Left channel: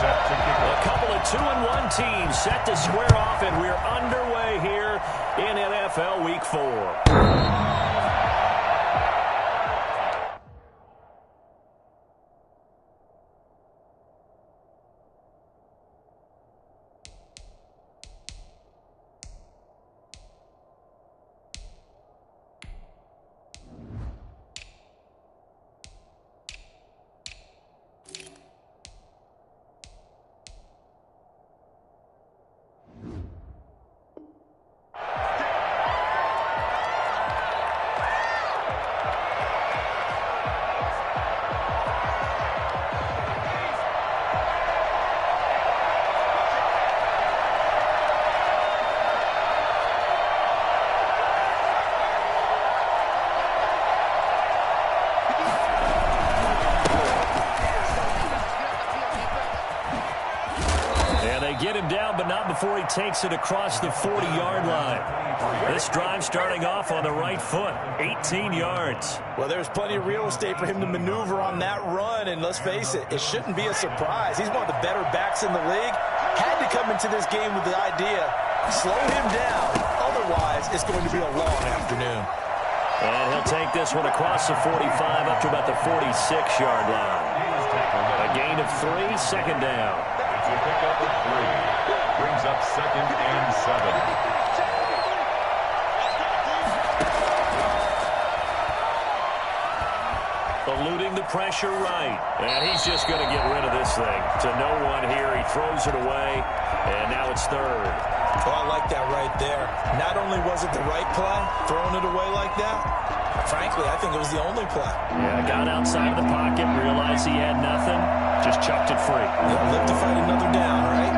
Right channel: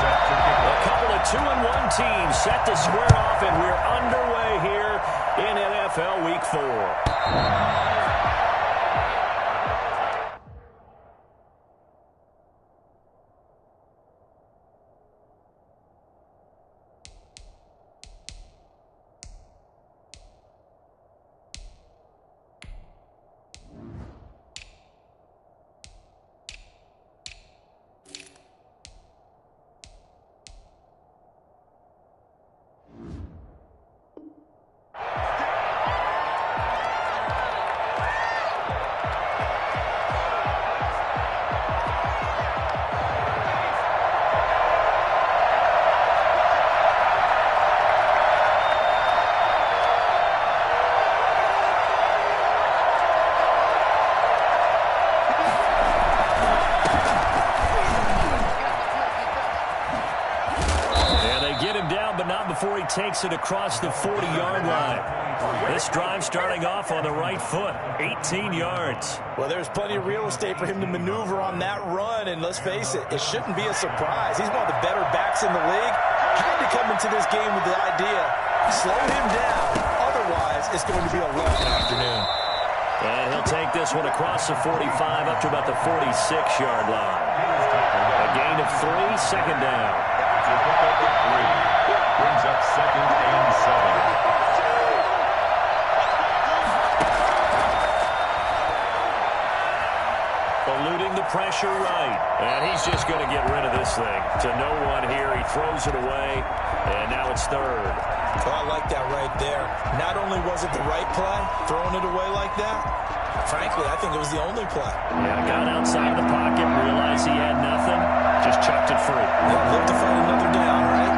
set to kick off. A couple of 2-1 teams set to square off, and we're underway here in NFL Week 4. Get him down, but not before he takes it across the 40-yard line. This drive starting off on the right foot, 18 yards. Well, there's plenty of real estate for him to maneuver on that run, and let's face it, it shouldn't be a surprise. He's one of the better backs in the league. Had to come into this game with the idea, slow him down, otherwise it's going to be a long afternoon. And he'll take this one across the 45 up to about the 46-yard line. A gain of 3, second down. It's a pickup of 3. Brings up 2nd and 7. Eluding the pressure right. And he's just going to get rid of this thing. To no one here. He throws it away. And now it's 3rd. Oh, I like that right there. Not only was it the right play, throwing it away like that, frankly, I think it was the only play. Yeah, got outside of the pocket, realized he had nothing, just chucked it free. Yeah, live to fight another down, right?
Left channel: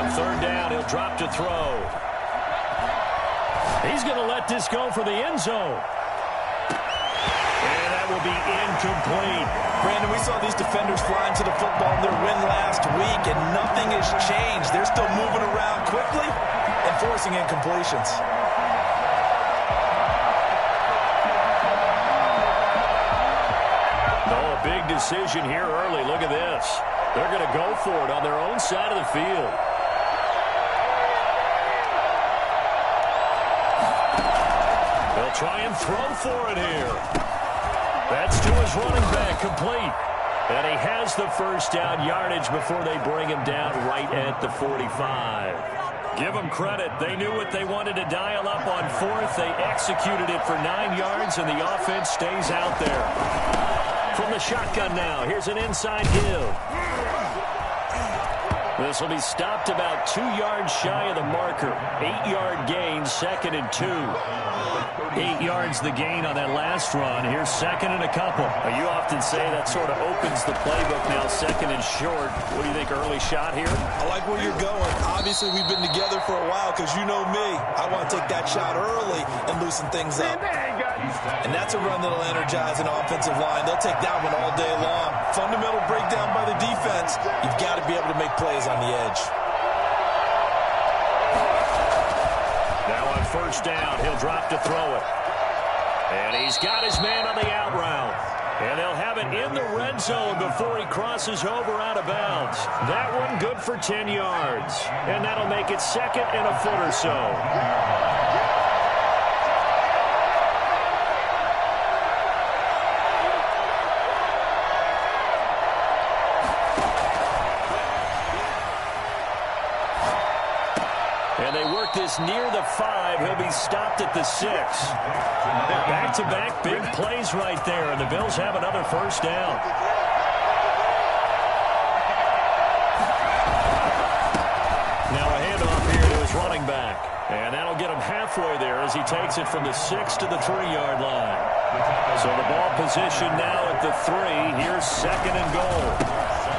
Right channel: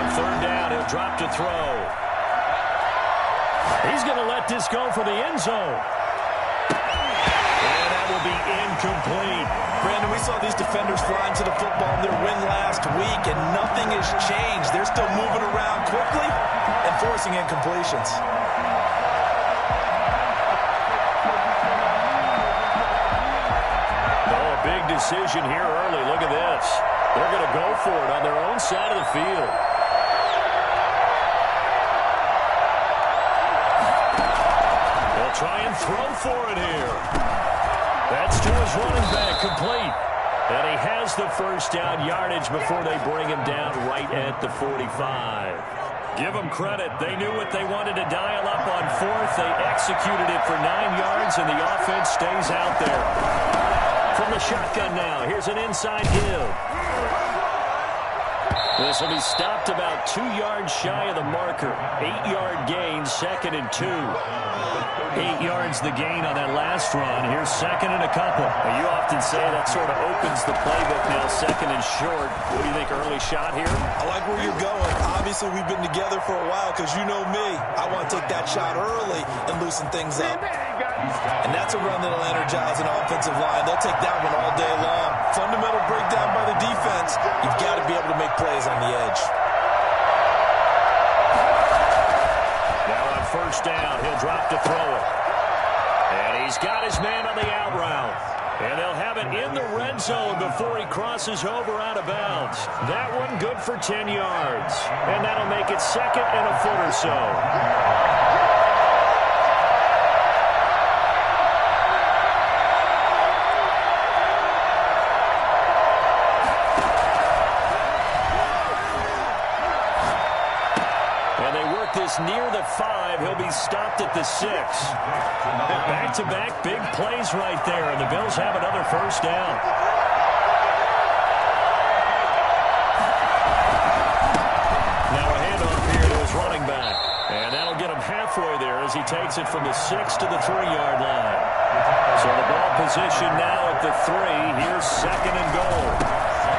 On 3rd down, he'll drop to throw. He's going to let this go for the end zone. And that will be incomplete. Brandon, we saw these defenders flying to the football in their win last week, and nothing has changed. They're still moving around quickly and forcing incompletions. Oh, a big decision here early. Look at this. They're going to go for it on their own side of the field. They'll try and throw for it here. That's to his running back, complete. And he has the first down yardage before they bring him down right at the 45. Give them credit. They knew what they wanted to dial up on 4th. They executed it for 9 yards, and the offense stays out there. From the shotgun now, here's an inside give. This will be stopped about 2 yards shy of the marker. 8-yard gain, 2nd and 2. 8 yards the gain on that last run. Here's 2nd and a couple. Well, you often say that sort of opens the playbook now, 2nd and short. What do you think, early shot here? I like where you're going. Obviously, we've been together for a while because you know me. I want to take that shot early and loosen things up. And that's a run that'll energize an offensive line. They'll take that one all day long. Fundamental breakdown by the defense. You've got to be able to make plays on the edge. Now on 1st down, he'll drop to throw it. And he's got his man on the out route. And they'll have it in the red zone before he crosses over out of bounds. That one good for 10 yards. And that'll make it 2nd and a foot or so. And they work this near the 5. He'll be stopped at the 6. Back-to-back big plays right there, and the Bills have another first down. Now a handoff here to his running back. And that'll get him halfway there as he takes it from the 6 to the 3-yard line. So the ball position now at the 3. Here's 2nd and goal.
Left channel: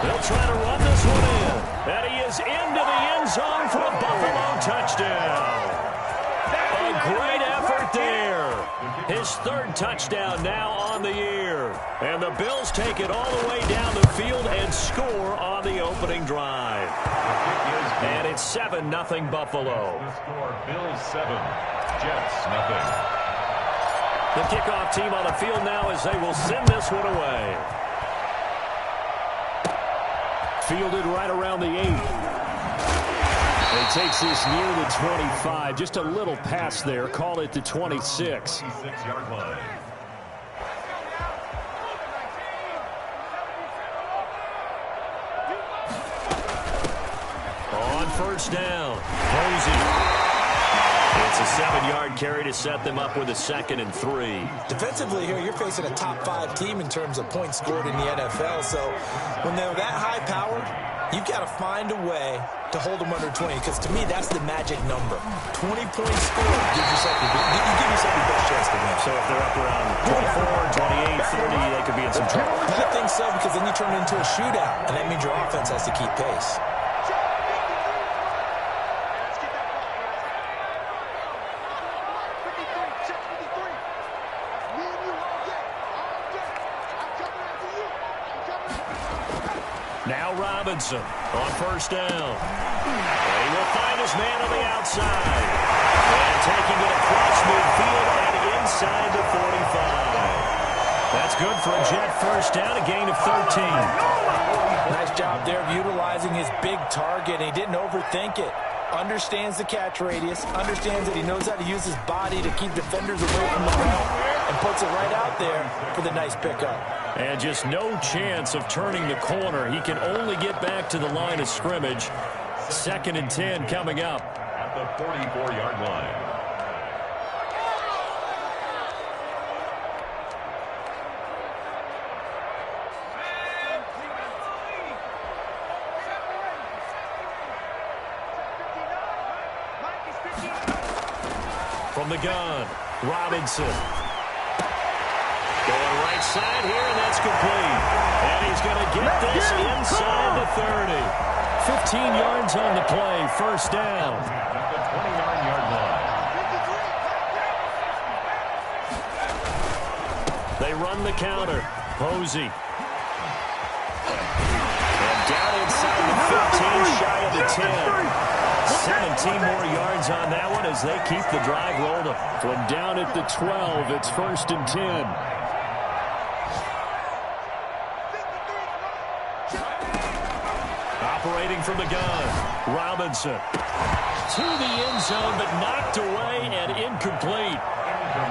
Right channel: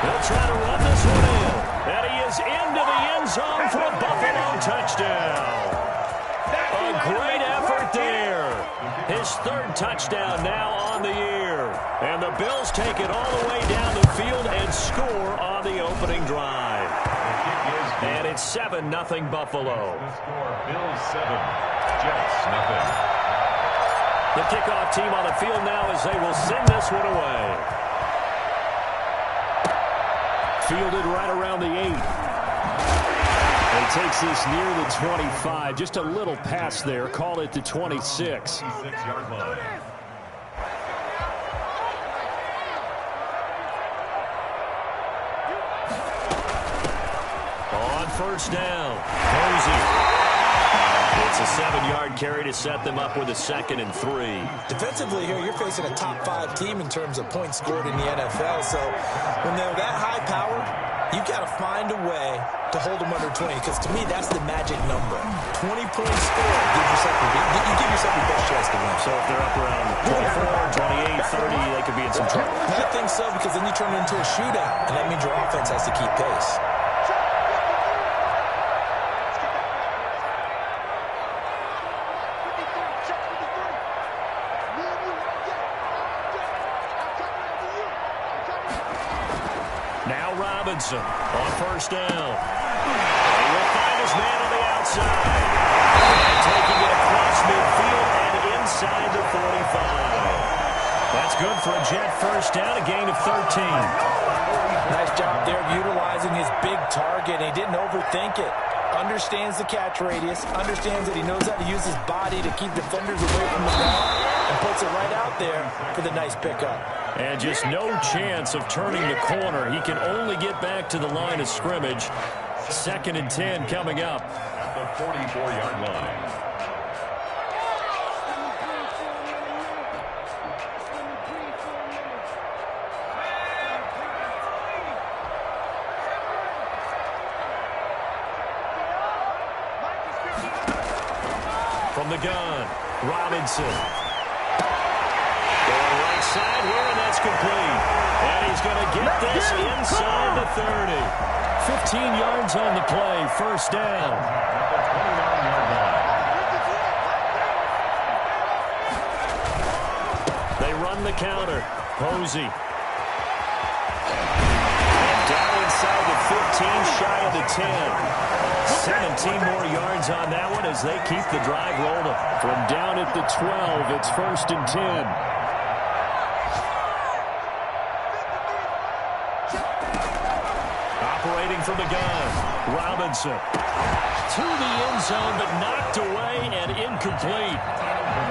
They'll try to run this one in. And he is into the end zone for a Buffalo touchdown. A great effort there. His 3rd touchdown now on the year. And the Bills take it all the way down the field and score on the opening drive. And it's 7-0 Buffalo. The score, Bills 7, Jets 0. The kickoff team on the field now as they will send this one away. Fielded right around the 8. And he takes this near the 25. Just a little pass there. Call it the 26. 26-yard line. On first down, Posey. It's a 7-yard carry to set them up with a 2nd and 3. Defensively here, you're facing a top 5 team in terms of points scored in the NFL. So when they're that high power, you've got to find a way to hold them under 20. Because to me, that's the magic number. 20 points scored gives yourself you give yourself your best chance to win. So if they're up around 24, 28, 30, they could be in some trouble. I think so, because then you turn it into a shootout, and that means your offense has to keep pace. Now Robinson on first down. And he will find his man on the outside. And taking it across midfield and inside the 45. That's good for a Jet first down, a gain of 13. Nice job there of utilizing his big target. He didn't overthink it. Understands the catch radius. Understands that he knows how to use his body to keep defenders away from the ball. And puts it right out there for the nice pickup. And just no chance of turning the corner. He can only get back to the line of scrimmage. 2nd and 10 coming up. At the 44-yard line. From the gun, Robinson. Going right side here, and that's complete. And he's going to get this inside the 30. 15 yards on the play, first down. At the 29-yard line. They run the counter. Posey. And down inside the 15, shy of the 10. 17 more yards on that one as they keep the drive rolling. From down at the 12, it's 1st and 10. Operating from the gun, Robinson. To the end zone, but knocked away and incomplete.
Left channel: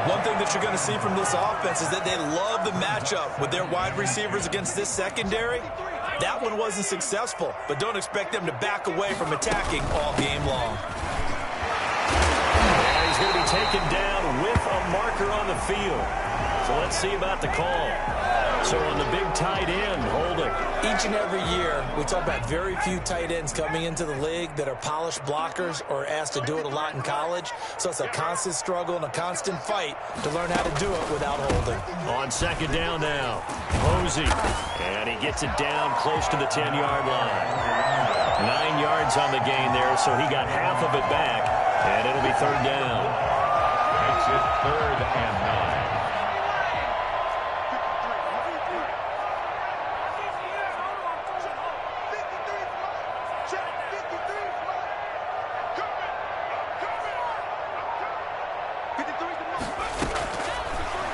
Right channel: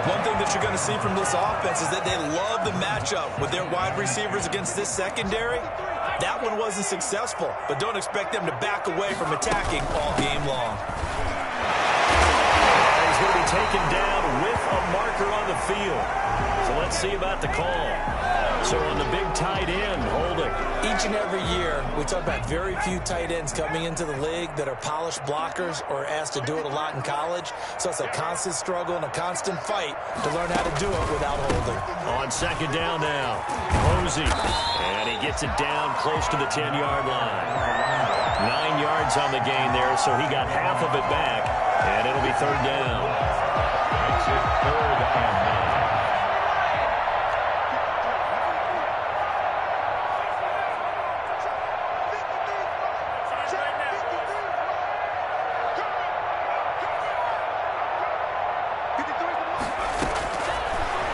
One thing that you're going to see from this offense is that they love the matchup with their wide receivers against this secondary. That one wasn't successful, but don't expect them to back away from attacking all game long. And he's going to be taken down with a marker on the field. So let's see about the call. So on the big tight end, holding. Each and every year, we talk about very few tight ends coming into the league that are polished blockers or asked to do it a lot in college. So it's a constant struggle and a constant fight to learn how to do it without holding. On 2nd down now, Posey. And he gets it down close to the 10-yard line. 9 yards on the gain there, so he got half of it back. And it'll be 3rd down. Makes it 3rd and 9.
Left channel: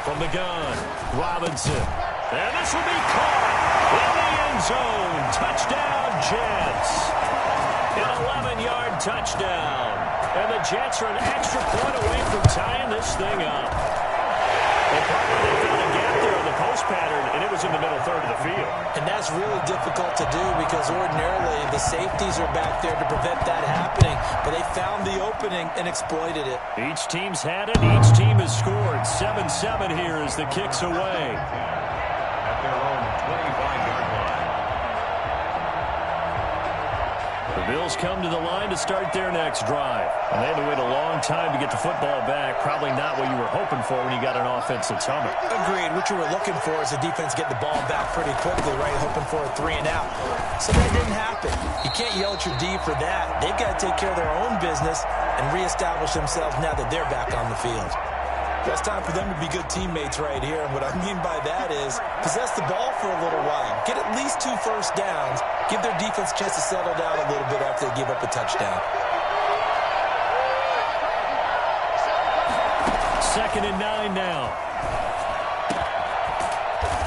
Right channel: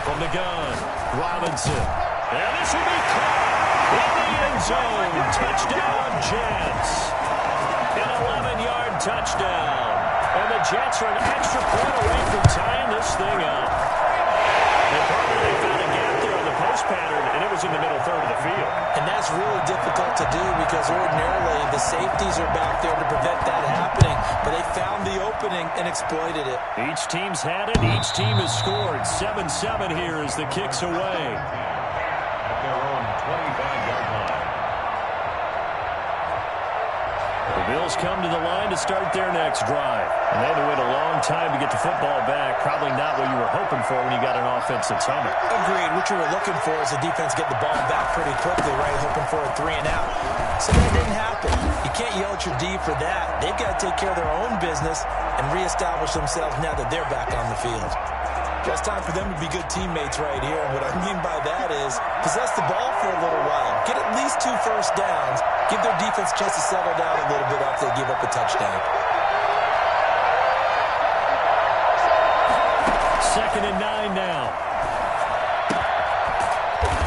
From the gun, Robinson. And this will be caught in the end zone. Touchdown, Jets. An 11-yard touchdown. And the Jets are an extra point away from tying this thing up. And partner, they found a gap there on the post pattern, and it was in the middle third of the field. And that's really difficult to do because ordinarily the safeties are back there to prevent that happening. But they found the opening and exploited it. Each team's had it. Each team has scored. 7-7 here as the kick's away. At their own 25-yard line. The Bills come to the line to start their next drive. And they had to wait a long time to get the football back. Probably not what you were hoping for when you got an offense that's humming. Agreed. What you were looking for is the defense get the ball back pretty quickly, right? Hoping for a 3 and out. So that didn't happen. You can't yell at your D for that. They've got to take care of their own business and reestablish themselves now that they're back on the field. Well, it's time for them to be good teammates right here. And what I mean by that is possess the ball for a little while. Get at least 2 first downs. Give their defense a chance to settle down a little bit after they give up a touchdown. 2nd and 9 now.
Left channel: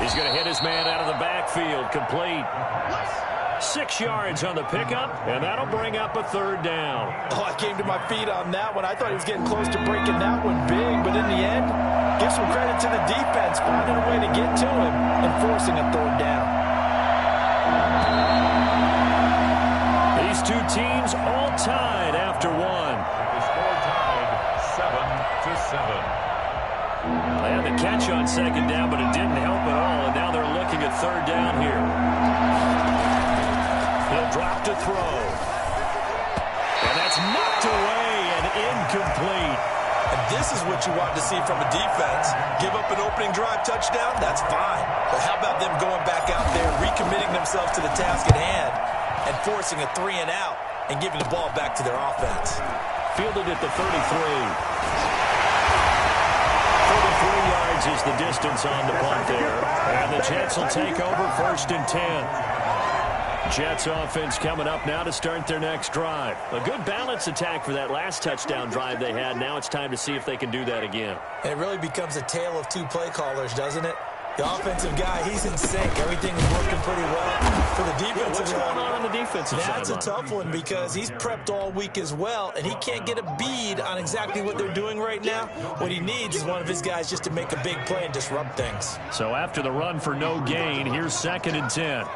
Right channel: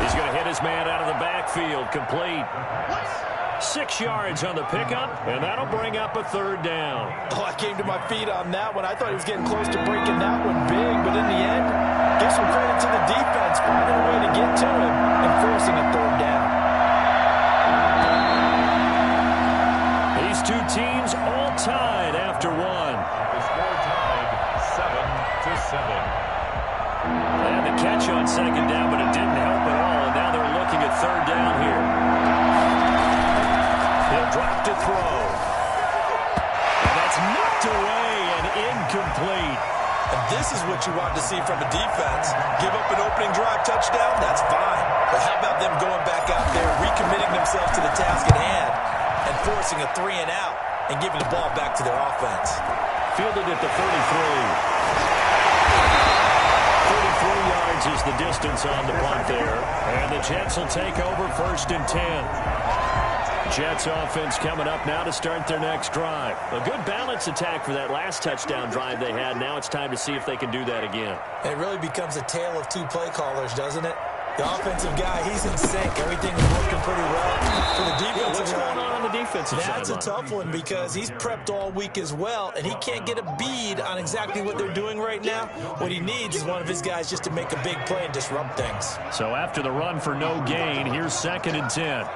He's going to hit his man out of the backfield. Complete. 6 yards on the pickup, and that'll bring up a 3rd down. Oh, I came to my feet on that one. I thought he was getting close to breaking that one big, but in the end, give some credit to the defense, finding a way to get to him and forcing a 3rd down. These two teams all tied after one. The score tied 7-7. They had the catch on 2nd down, but it didn't help at all, and now they're looking at 3rd down here. He'll drop to throw. And that's knocked away and incomplete. And this is what you want to see from a defense. Give up an opening drive touchdown, that's fine. But how about them going back out there, recommitting themselves to the task at hand, and forcing a 3 and out, and giving the ball back to their offense. Fielded at the 33. 33 yards is the distance on the punt there. And the Jets will take over 1st and 10. Jets offense coming up now to start their next drive. A good balance attack for that last touchdown drive they had. Now it's time to see if they can do that again. It really becomes a tale of 2 play callers, doesn't it? The offensive guy, he's in sync. Everything is working pretty well. For the defensive what's going on the defensive side? That's a tough one because he's prepped all week as well, and he can't get a bead on exactly what they're doing right now. What he needs is one of his guys just to make a big play and disrupt things. So after the run for no gain, here's 2nd and 10.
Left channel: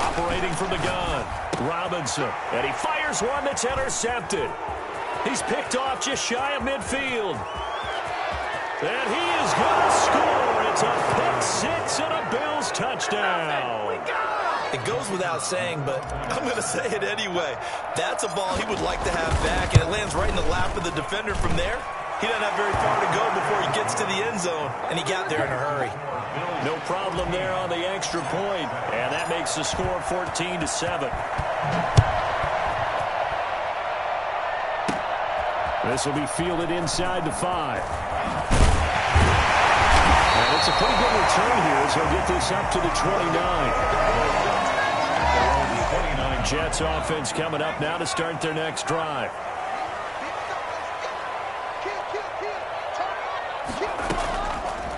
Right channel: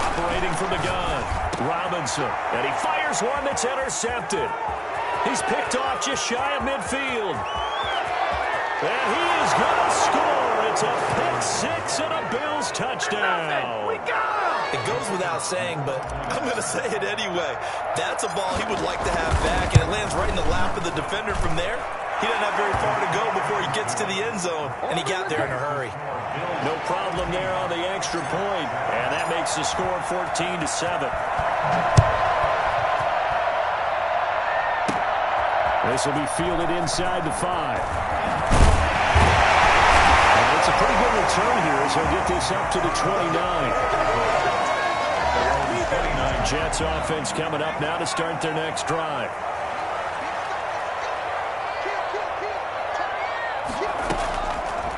Operating from the gun, Robinson, and he fires one that's intercepted. He's picked off just shy of midfield. And he is going to score. It's a pick 6 and a Bills touchdown. It goes without saying, but I'm going to say it anyway. That's a ball he would like to have back, and it lands right in the lap of the defender from there. He doesn't have very far to go before he gets to the end zone, and he got there in a hurry. No problem there on the extra point, and that makes the score 14-7. This will be fielded inside the 5. And it's a pretty good return here as he'll get this up to the 29. Jets offense coming up now to start their next drive.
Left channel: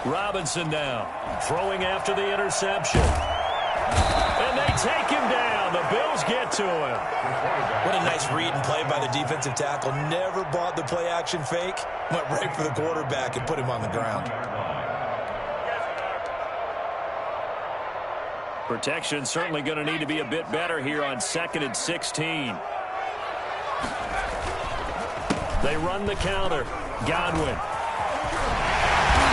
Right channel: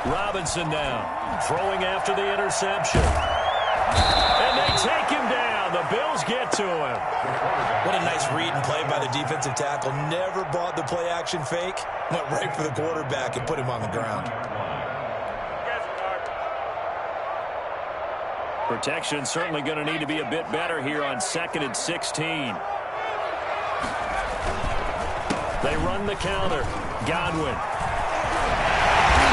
Robinson now, throwing after the interception. And they take him down. The Bills get to him. What a nice read and play by the defensive tackle. Never bought the play-action fake. Went right for the quarterback and put him on the ground. Protection certainly going to need to be a bit better here on 2nd and 16. They run the counter. Godwin.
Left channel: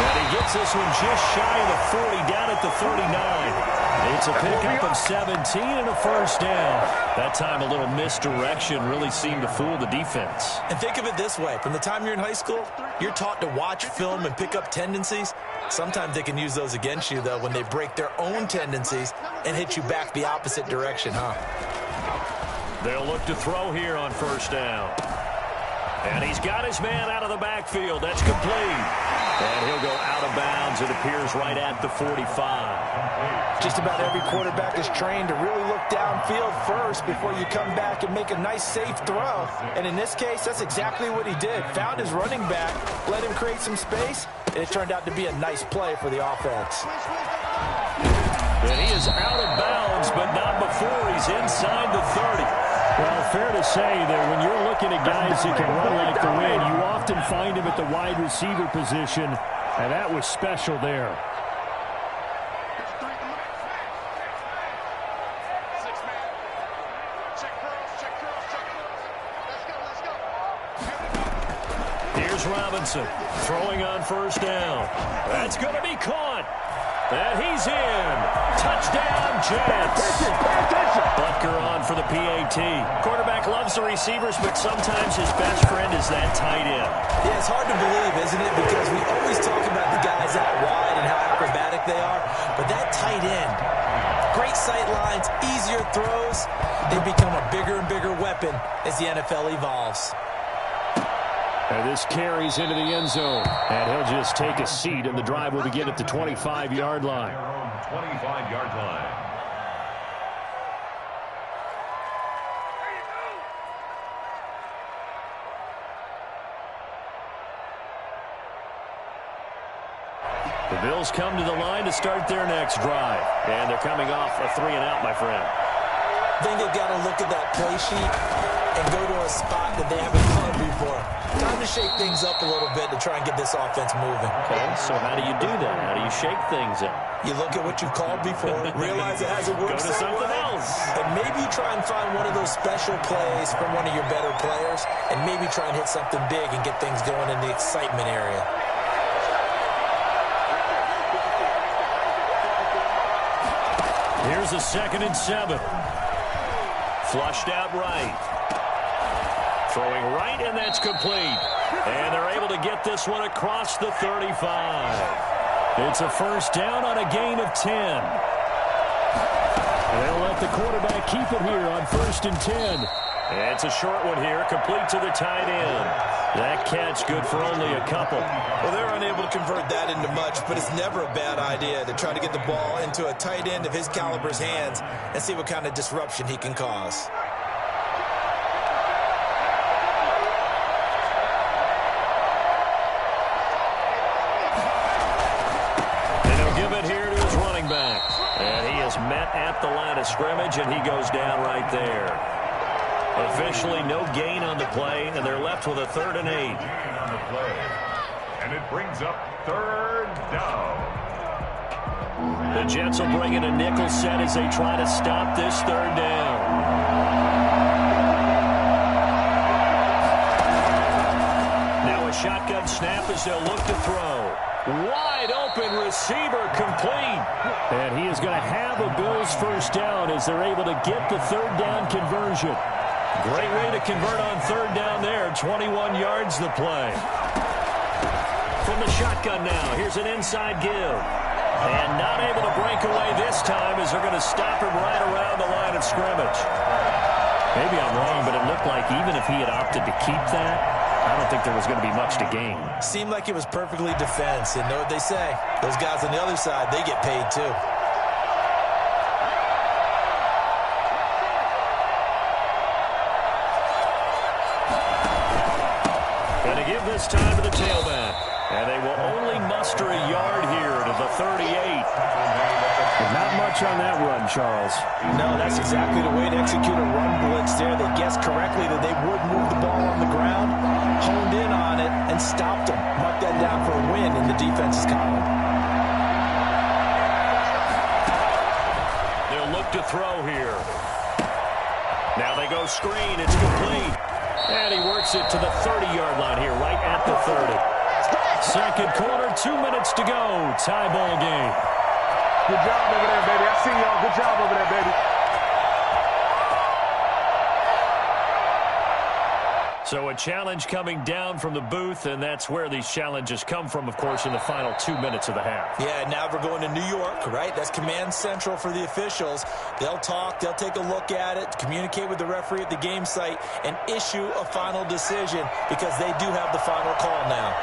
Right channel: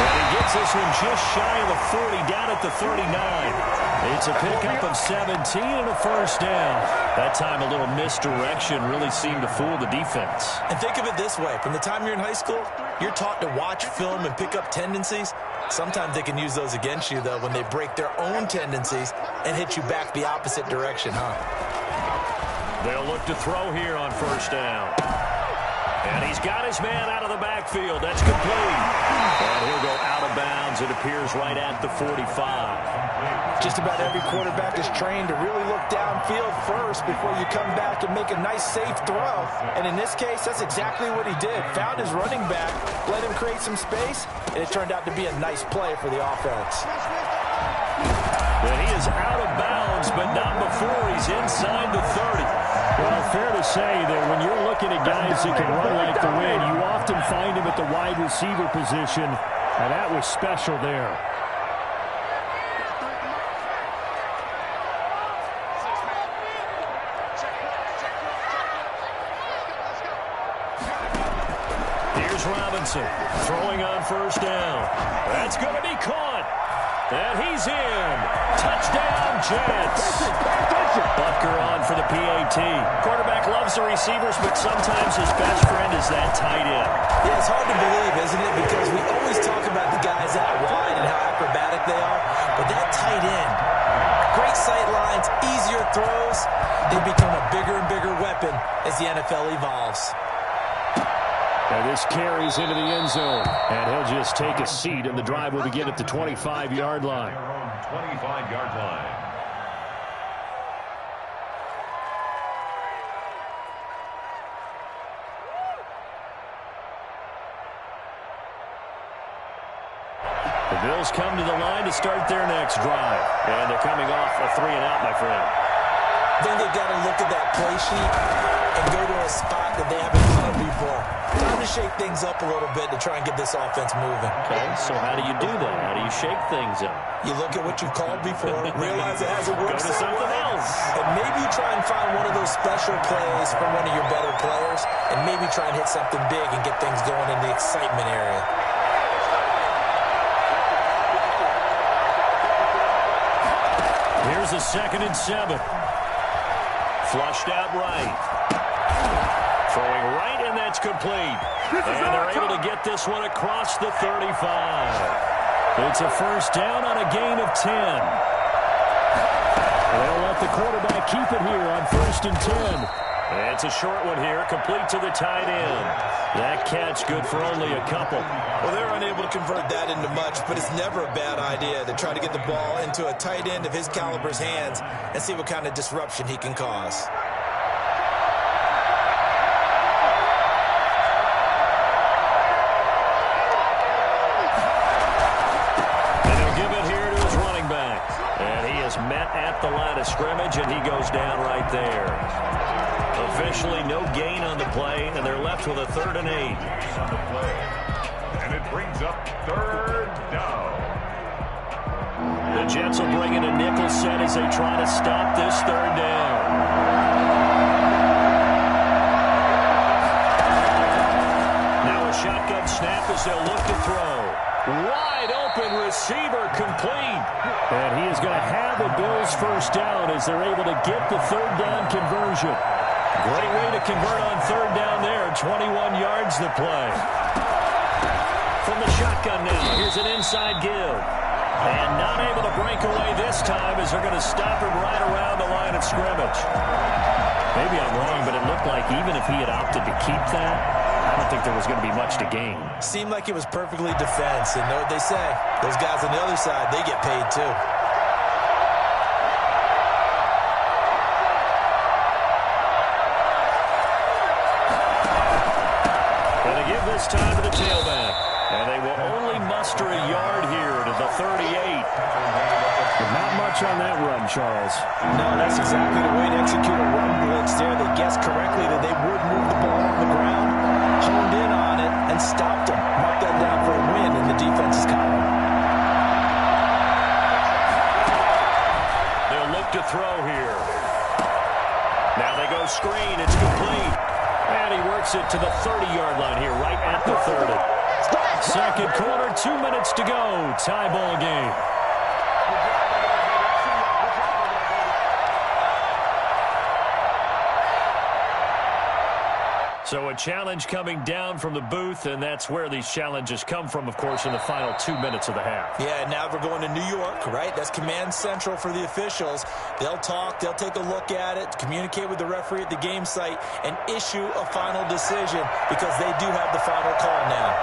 And he gets this one just shy of the 40, down at the 39. It's a pickup of 17 and a 1st down. That time a little misdirection really seemed to fool the defense. And think of it this way. From the time you're in high school, you're taught to watch film and pick up tendencies. Sometimes they can use those against you, though, when they break their own tendencies and hit you back the opposite direction, huh? They'll look to throw here on 1st down. And he's got his man out of the backfield. That's complete. And he'll go out of bounds. It appears right at the 45. Just about every quarterback is trained to really look downfield first before you come back and make a nice, safe throw. And in this case, that's exactly what he did. Found his running back, let him create some space, and it turned out to be a nice play for the offense. And he is out of bounds, but not before he's inside the 30. Well, fair to say that when you're looking at guys that can run like the wind, you often find him at the wide receiver position, and that was special there. Here's Robinson throwing on 1st down. That's going to be caught. And he's in. Touchdown, Jets. Butker on for the PAT. Quarterback loves the receivers, but sometimes his best friend is that tight end. Yeah, it's hard to believe, isn't it? Because we always talk about the guys out wide and how acrobatic they are. But that tight end, great sight lines, easier throws. They become a bigger and bigger weapon as the NFL evolves. And this carries into the end zone. And he'll just take a seat, and the drive will begin at the 25-yard line. 25-yard line. The Bills come to the line to start their next drive. And they're coming off a 3-and-out, my friend. I think they've got to look at that play sheet and go to a spot that they haven't gone before. Time to shake things up a little bit to try and get this offense moving. Okay, so how do you do that? How do you shake things up? You look at what you've called before, realize it hasn't worked Go to something else. and maybe you try and find one of those special plays from one of your better players, and maybe try and hit something big and get things going in the excitement area. Here's a 2nd and 7. Flushed out right. Throwing right, and that's complete. And they're able to get this one across the 35. It's a first down on a gain of 10. They'll let the quarterback keep it here on 1st and 10. It's a short one here, complete to the tight end. That catch good for only a couple. Well, they're unable to convert that into much, but it's never a bad idea to try to get the ball into a tight end of his caliber's hands and see what kind of disruption he can cause. And he'll give it here to his running back. And he is met at the line of scrimmage, and he goes down right there. Officially no gain on the play, and they're left with a 3rd and 8. On the play. And it brings up 3rd down. The Jets will bring in a nickel set as they try to stop this 3rd down. Now a shotgun snap as they'll look to throw. Wide open receiver complete. And he is going to have a Bills first down as they're able to get the 3rd down conversion. Great way to convert on 3rd down there. 21 yards the play. From the shotgun now, here's an inside give. And not able to break away this time as they're going to stop him right around the line of scrimmage. Maybe I'm wrong, but it looked like even if he had opted to keep that, I don't think there was going to be much to gain. Seemed like it was perfectly defense, and know what they say. Those guys on the other side, they get paid too. Going to give this time to the tailback. And they will only muster a yard here to the 38. Not much on that run, Charles. No, that's exactly the way to execute a run blitz there. They guessed correctly that they would move the ball on the ground, honed in on it, and stopped them. Mark that down for a win in the defense's column. They'll look to throw here. Now they go screen. It's complete. And he works it to the 30-yard line here, right at the 30. 2nd quarter, 2 minutes to go. Tie ball game. Good job over there, baby. I see y'all. Good job over there, baby. So a challenge coming down from the booth, and that's where these challenges come from, of course, in the final 2 minutes of the half. Yeah, now we're going to New York, right? That's command central for the officials. They'll talk, they'll take a look at it, communicate with the referee at the game site, and issue a final decision because they do have the final call now.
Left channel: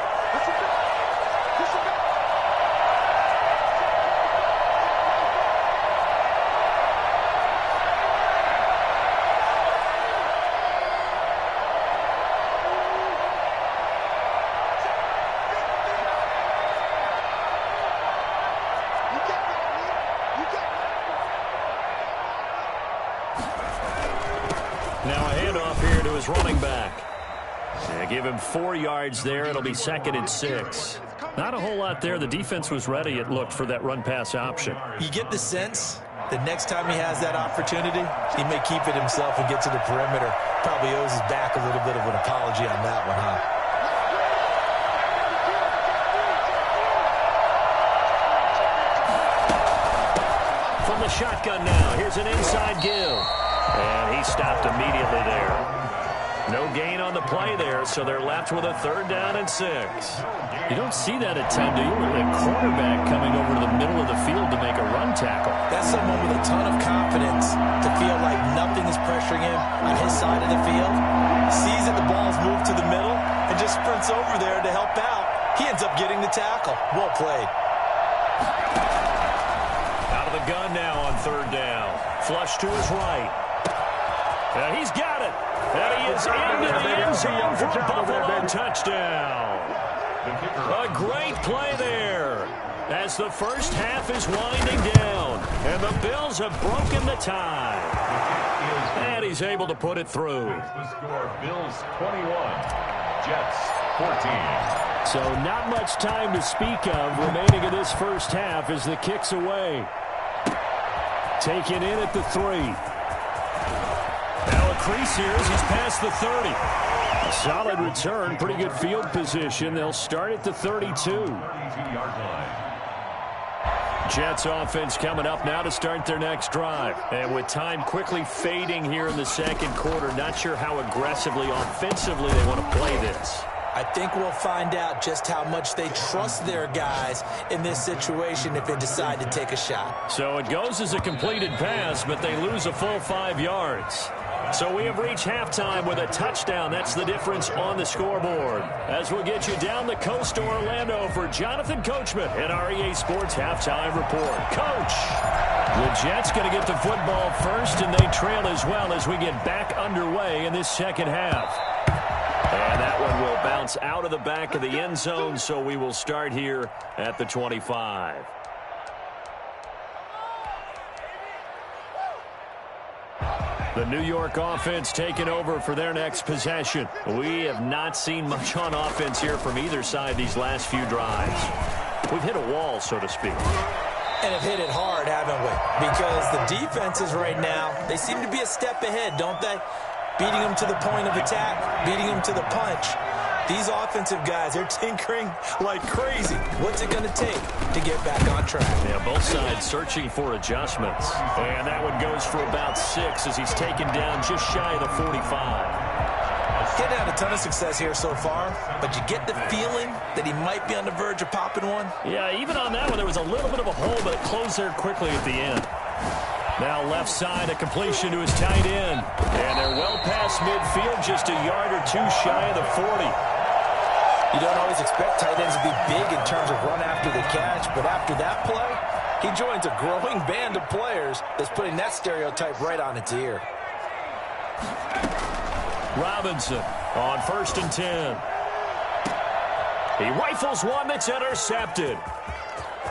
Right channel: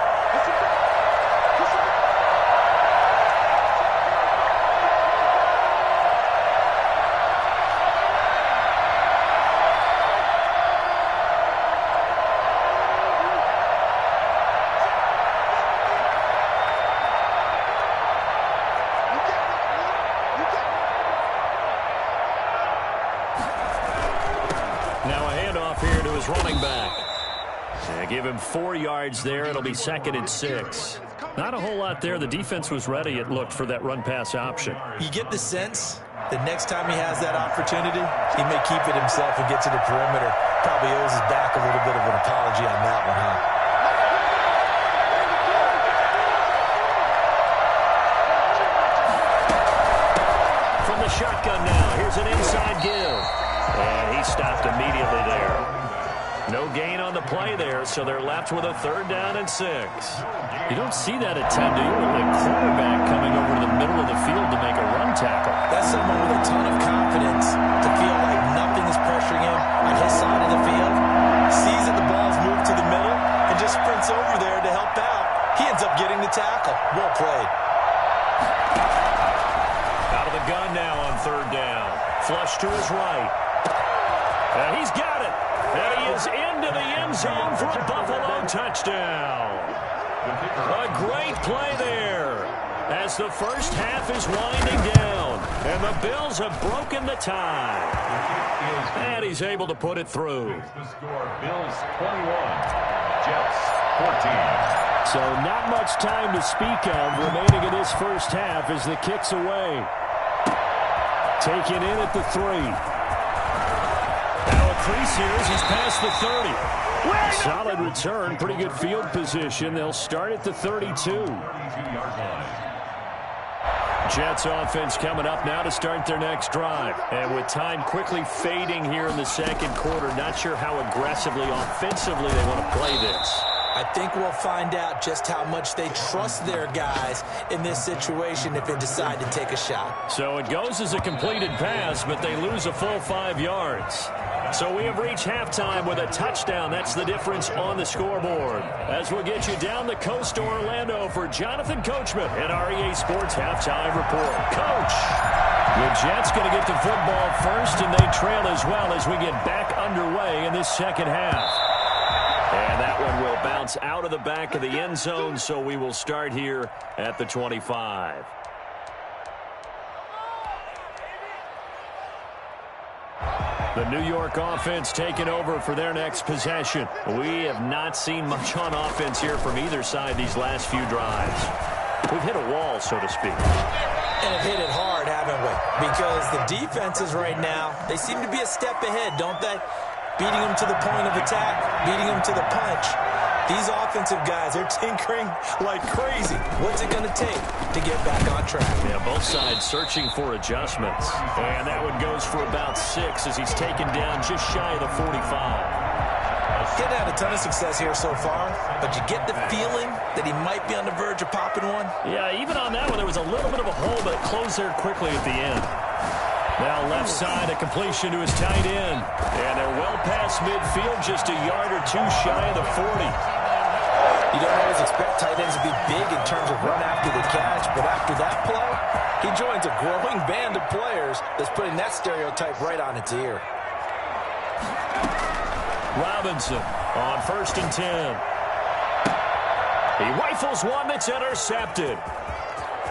Now a handoff here to his running back. And give him 4 yards there. It'll be 2nd and 6. Not a whole lot there. The defense was ready, it looked, for that run-pass option. You get the sense that next time he has that opportunity, he may keep it himself and get to the perimeter. Probably owes his back a little bit of an apology on that one, huh? From the shotgun now, here's an inside give. And he stopped immediately there. No gain on the play there, so they're left with a 3rd down and 6. You don't see that at times, do you? With a quarterback coming over to the middle of the field to make a run tackle. That's someone with a ton of confidence to feel like nothing is pressuring him on his side of the field. Sees that the ball's moved to the middle and just sprints over there to help out. He ends up getting the tackle. Well played. Out of the gun now on 3rd down. Flush to his right. And he's got it. And he is into the end zone for a Buffalo touchdown. A great play there. as the first half is winding down. And the Bills have broken the tie. And he's able to put it through. The score, Bills 21, Jets 14. So not much time to speak of remaining in this first half as the kick's away. Taken in at the 3. Now a crease here as he's past the 30. Solid return, pretty good field position. They'll start at the 32. 32-yard line. Jets offense coming up now to start their next drive. And with time quickly fading here in the second quarter, not sure how aggressively, offensively they want to play this. I think we'll find out just how much they trust their guys in this situation if they decide to take a shot. So it goes as a completed pass, but they lose a full 5 yards. So we have reached halftime with a touchdown. That's the difference on the scoreboard. As we'll get you down the coast to Orlando for Jonathan Coachman at our EA Sports Halftime Report. Coach! The Jets going to get the football first, and they trail as well as we get back underway in this second half. And that one will bounce out of the back of the end zone, so we will start here at the 25. The New York offense taking over for their next possession. We have not seen much on offense here from either side these last few drives. We've hit a wall, so to speak. And have hit it hard, haven't we? Because the defenses right now, they seem to be a step ahead, don't they? Beating them to the point of attack, beating them to the punch. These offensive guys, they're tinkering like crazy. What's it going to take to get back on track? Yeah, both sides searching for adjustments. And that one goes for about 6 as he's taken down just shy of the 45. Getting had a ton of success here so far, but you get the feeling that he might be on the verge of popping one? Yeah, even on that one, there was a little bit of a hole, but it closed there quickly at the end. Now left side, a completion to his tight end. And they're well past midfield, just a yard or 2 shy of the 40. You don't always expect tight ends to be big in terms of run after the catch, but after that play, he joins a growing band of players that's putting that stereotype right on its ear. Robinson on 1st and 10. He rifles one that's intercepted.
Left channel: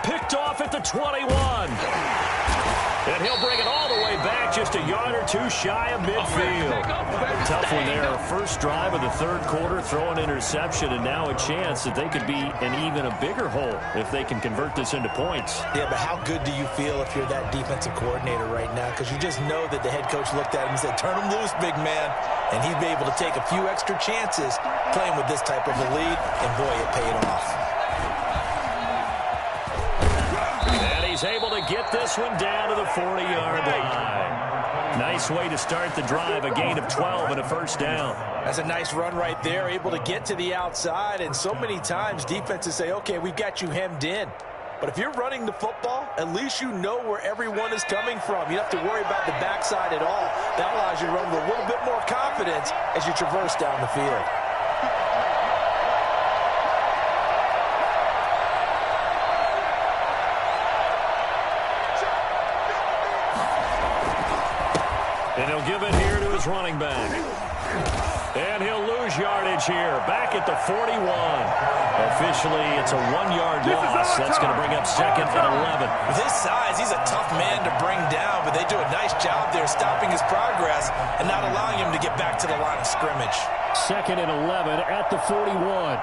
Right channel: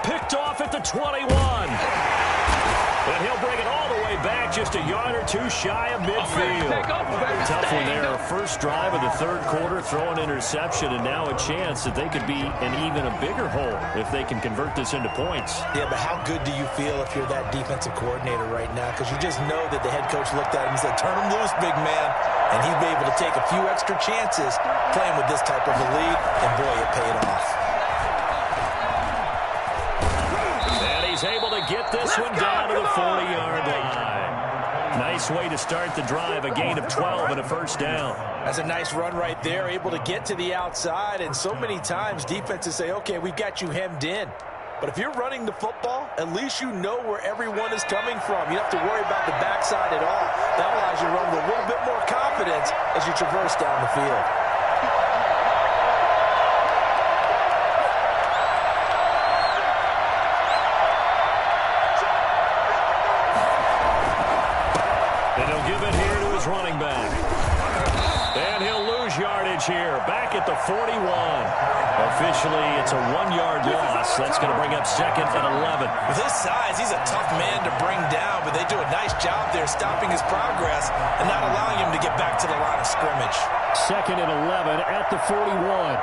Picked off at the 21. And he'll bring it all the way back, just a yard or 2 shy of midfield. Tough one there. First drive of the third quarter, throw an interception, and now a chance that they could be in even a bigger hole if they can convert this into points. Yeah, but how good do you feel if you're that defensive coordinator right now? Because you just know that the head coach looked at him and said, turn him loose, big man. And he'd be able to take a few extra chances playing with this type of a lead, and boy, it paid off. He's able to get this one down to the 40-yard line. Nice way to start the drive, a gain of 12 and a first down. That's a nice run right there, able to get to the outside. And so many times defenses say, okay, we've got you hemmed in. But if you're running the football, at least you know where everyone is coming from. You don't have to worry about the backside at all. That allows you to run with a little bit more confidence as you traverse down the field. And he'll give it here to his running back. And he'll lose yardage here, back at the 41. Officially, it's a 1-yard loss. That's going to bring up 2nd and 11. With his size, he's a tough man to bring down, but they do a nice job there stopping his progress and not allowing him to get back to the line of scrimmage. 2nd and 11 at the 41.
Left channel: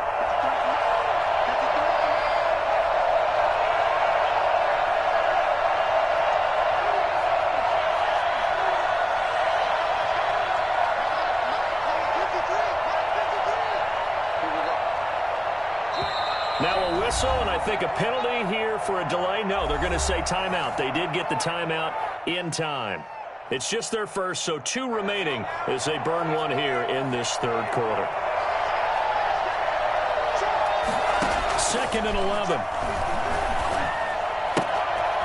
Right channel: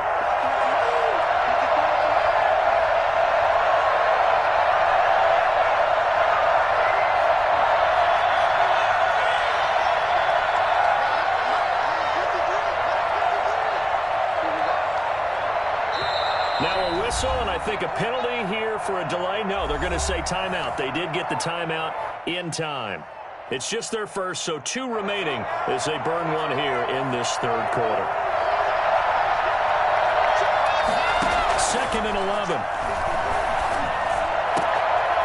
Now a whistle, and I think a penalty here for a delay. No, they're going to say timeout. They did get the timeout in time. It's just their first, so 2 remaining as they burn one here in this third quarter. 2nd and 11.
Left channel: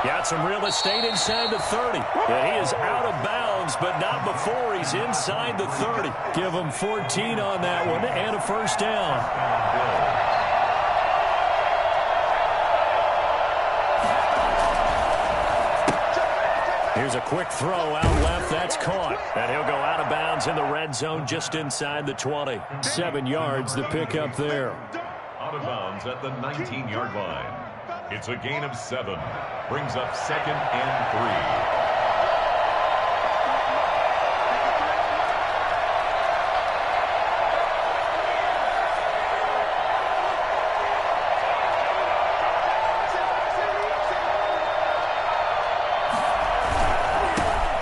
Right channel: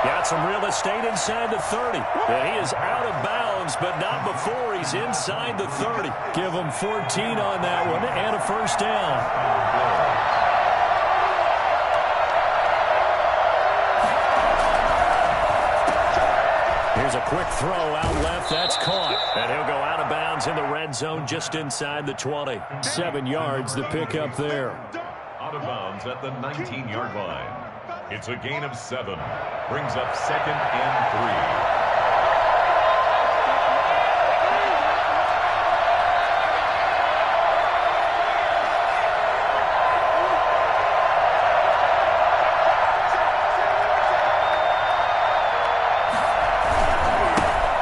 Got some real estate inside the 30. And he is out of bounds, but not before he's inside the 30. Give him 14 on that one and a first down. Here's a quick throw out left. That's caught. And he'll go out of bounds in the red zone just inside the 20. 7 yards, the pickup there. Out of bounds at the 19-yard line. It's a gain of 7. Brings up 2nd and 3.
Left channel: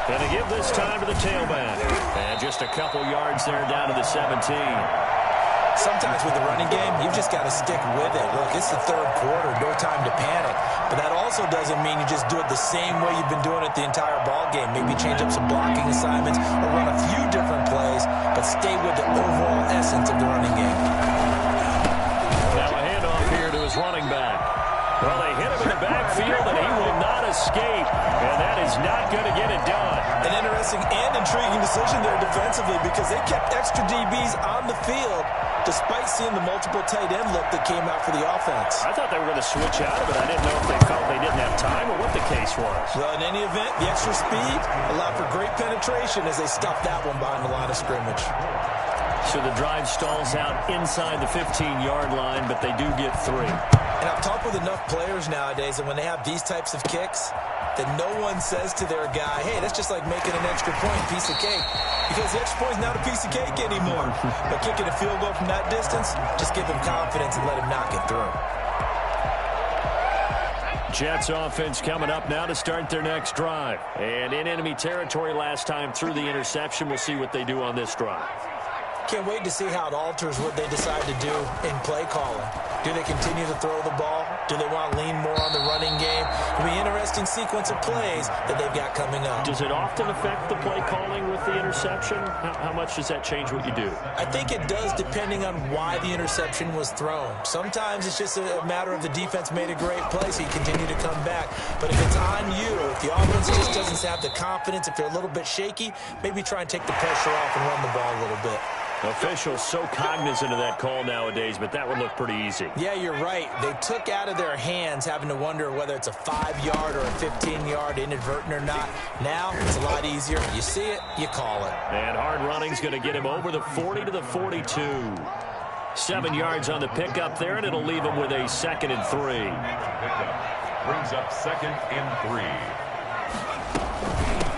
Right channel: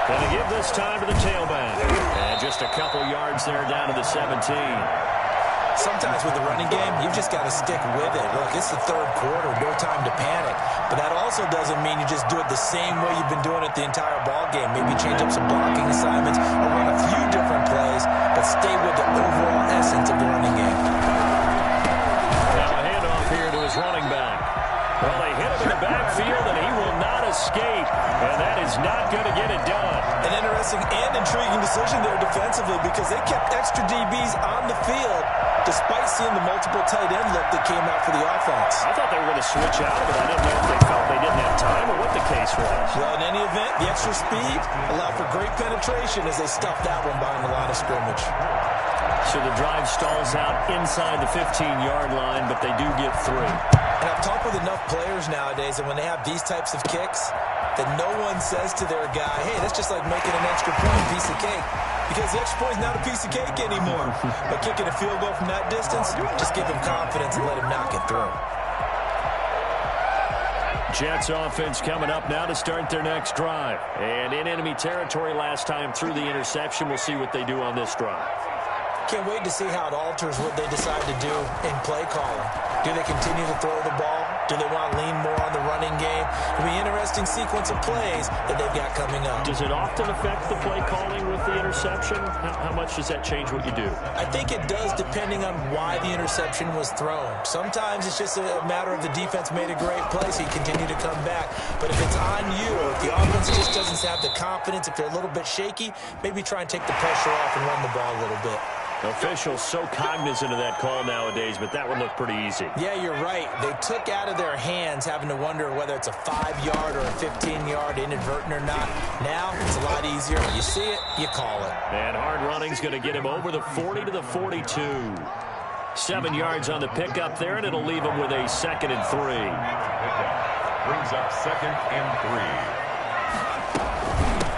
And to give this time to the tailback. And just a couple yards there down to the 17. Sometimes with the running game, you've just got to stick with it. Look, it's the third quarter, no time to panic. But that also doesn't mean you just do it the same way you've been doing it the entire ball game. Maybe change up some blocking assignments or run a few different plays, but stay with the overall essence of the running game. Now a handoff here to his running back. Well, they hit him in the backfield, and he will not escape. And that is not going to get it done. An interesting and intriguing decision there defensively because they kept extra DBs on the field despite seeing the multiple tight end look that came out for the offense. I thought they were going to switch out of it. I didn't know if they felt they didn't have time or what the case was. Well, in any event, the extra speed allowed for great penetration as they stuffed that one behind the line of scrimmage. So the drive stalls out inside the 15-yard line, but they do get 3. And I've talked with enough players nowadays that when they have these types of kicks, that no one says to their guy, hey, that's just like making an extra point piece of cake. Because the extra point is not a piece of cake anymore. But kicking a field goal from that distance, just give him confidence and let him knock it through. Jets offense coming up now to start their next drive. And in enemy territory last time through the interception. We'll see what they do on this drive. Can't wait to see how it alters what they decide to do in play calling. Do they continue to throw the ball? Do they want to lean more on the running game? It'll be an interesting sequence of plays that they've got coming up. Does it often affect the play calling with the interception? How much does that change what you do? I think it does depending on why the interception was thrown. Sometimes it's just a matter of the defense made a great play, so you continue to come back. But if it's on you, if the offense just doesn't have the confidence, if they're a little bit shaky, maybe try and take the pressure off and run the ball a little bit. Officials so cognizant of that call nowadays, but that would look pretty easy. Yeah, you're right. They took out of their hands having to wonder whether it's a 5-yard or a 15-yard inadvertent or not. Now, it's a lot easier. You see it, you call it. And hard running's going to get him over the 40 to the 42. 7 yards on the pickup there, and it'll leave him with a 2nd and 3. Brings up 2nd and 3.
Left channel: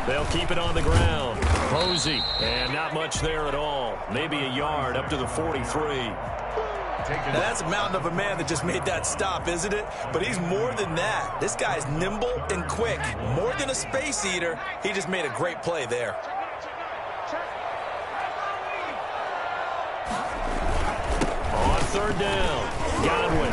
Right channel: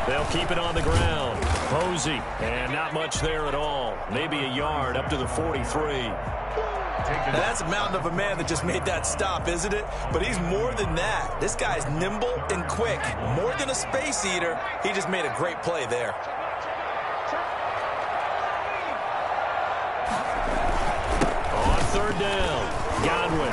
They'll keep it on the ground. Posey, and not much there at all. Maybe a yard up to the 43. Now that's a mountain of a man that just made that stop, isn't it? But he's more than that. This guy's nimble and quick. More than a space eater, he just made a great play there. On 3rd down, Godwin.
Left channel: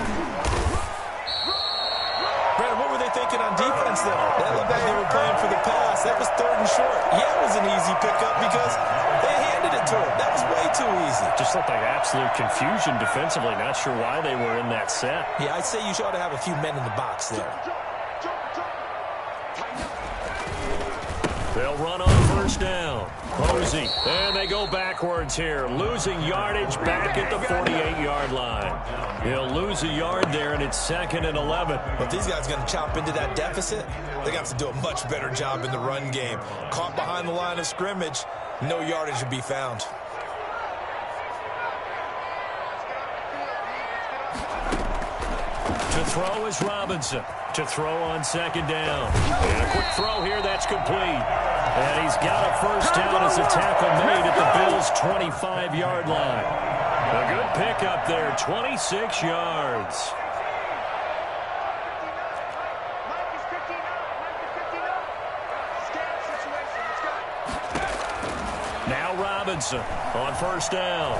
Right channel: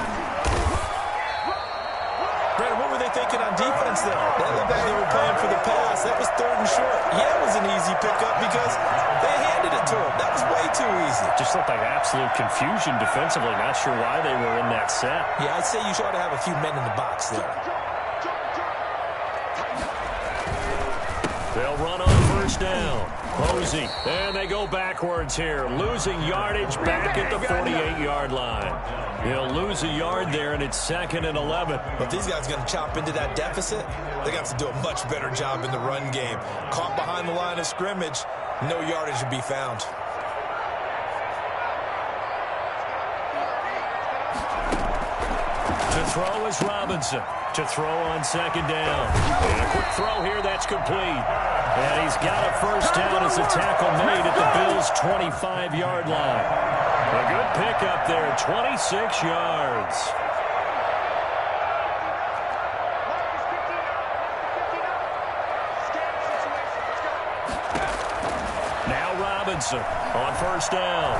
Brandon, what were they thinking on defense there? That looked like they were playing for the pass. That was 3rd and short. Yeah, it was an easy pickup because they handed it to him. That was way too easy. Just looked like absolute confusion defensively. Not sure why they were in that set. Yeah, I'd say you ought to have a few men in the box there. They'll run on 1st down. Posey, and they go backwards here, losing yardage back at the 48-yard line. He'll lose a yard there, and it's 2nd and 11. But these guys are going to chop into that deficit. They're going to have to do a much better job in the run game. Caught behind the line of scrimmage, no yardage to be found. To throw is Robinson. To throw on 2nd down. And a quick throw here, that's complete. And he's got a 1st down as a tackle made at the Bills' 25-yard line. A good pickup there, 26 yards. Now Robinson on 1st down.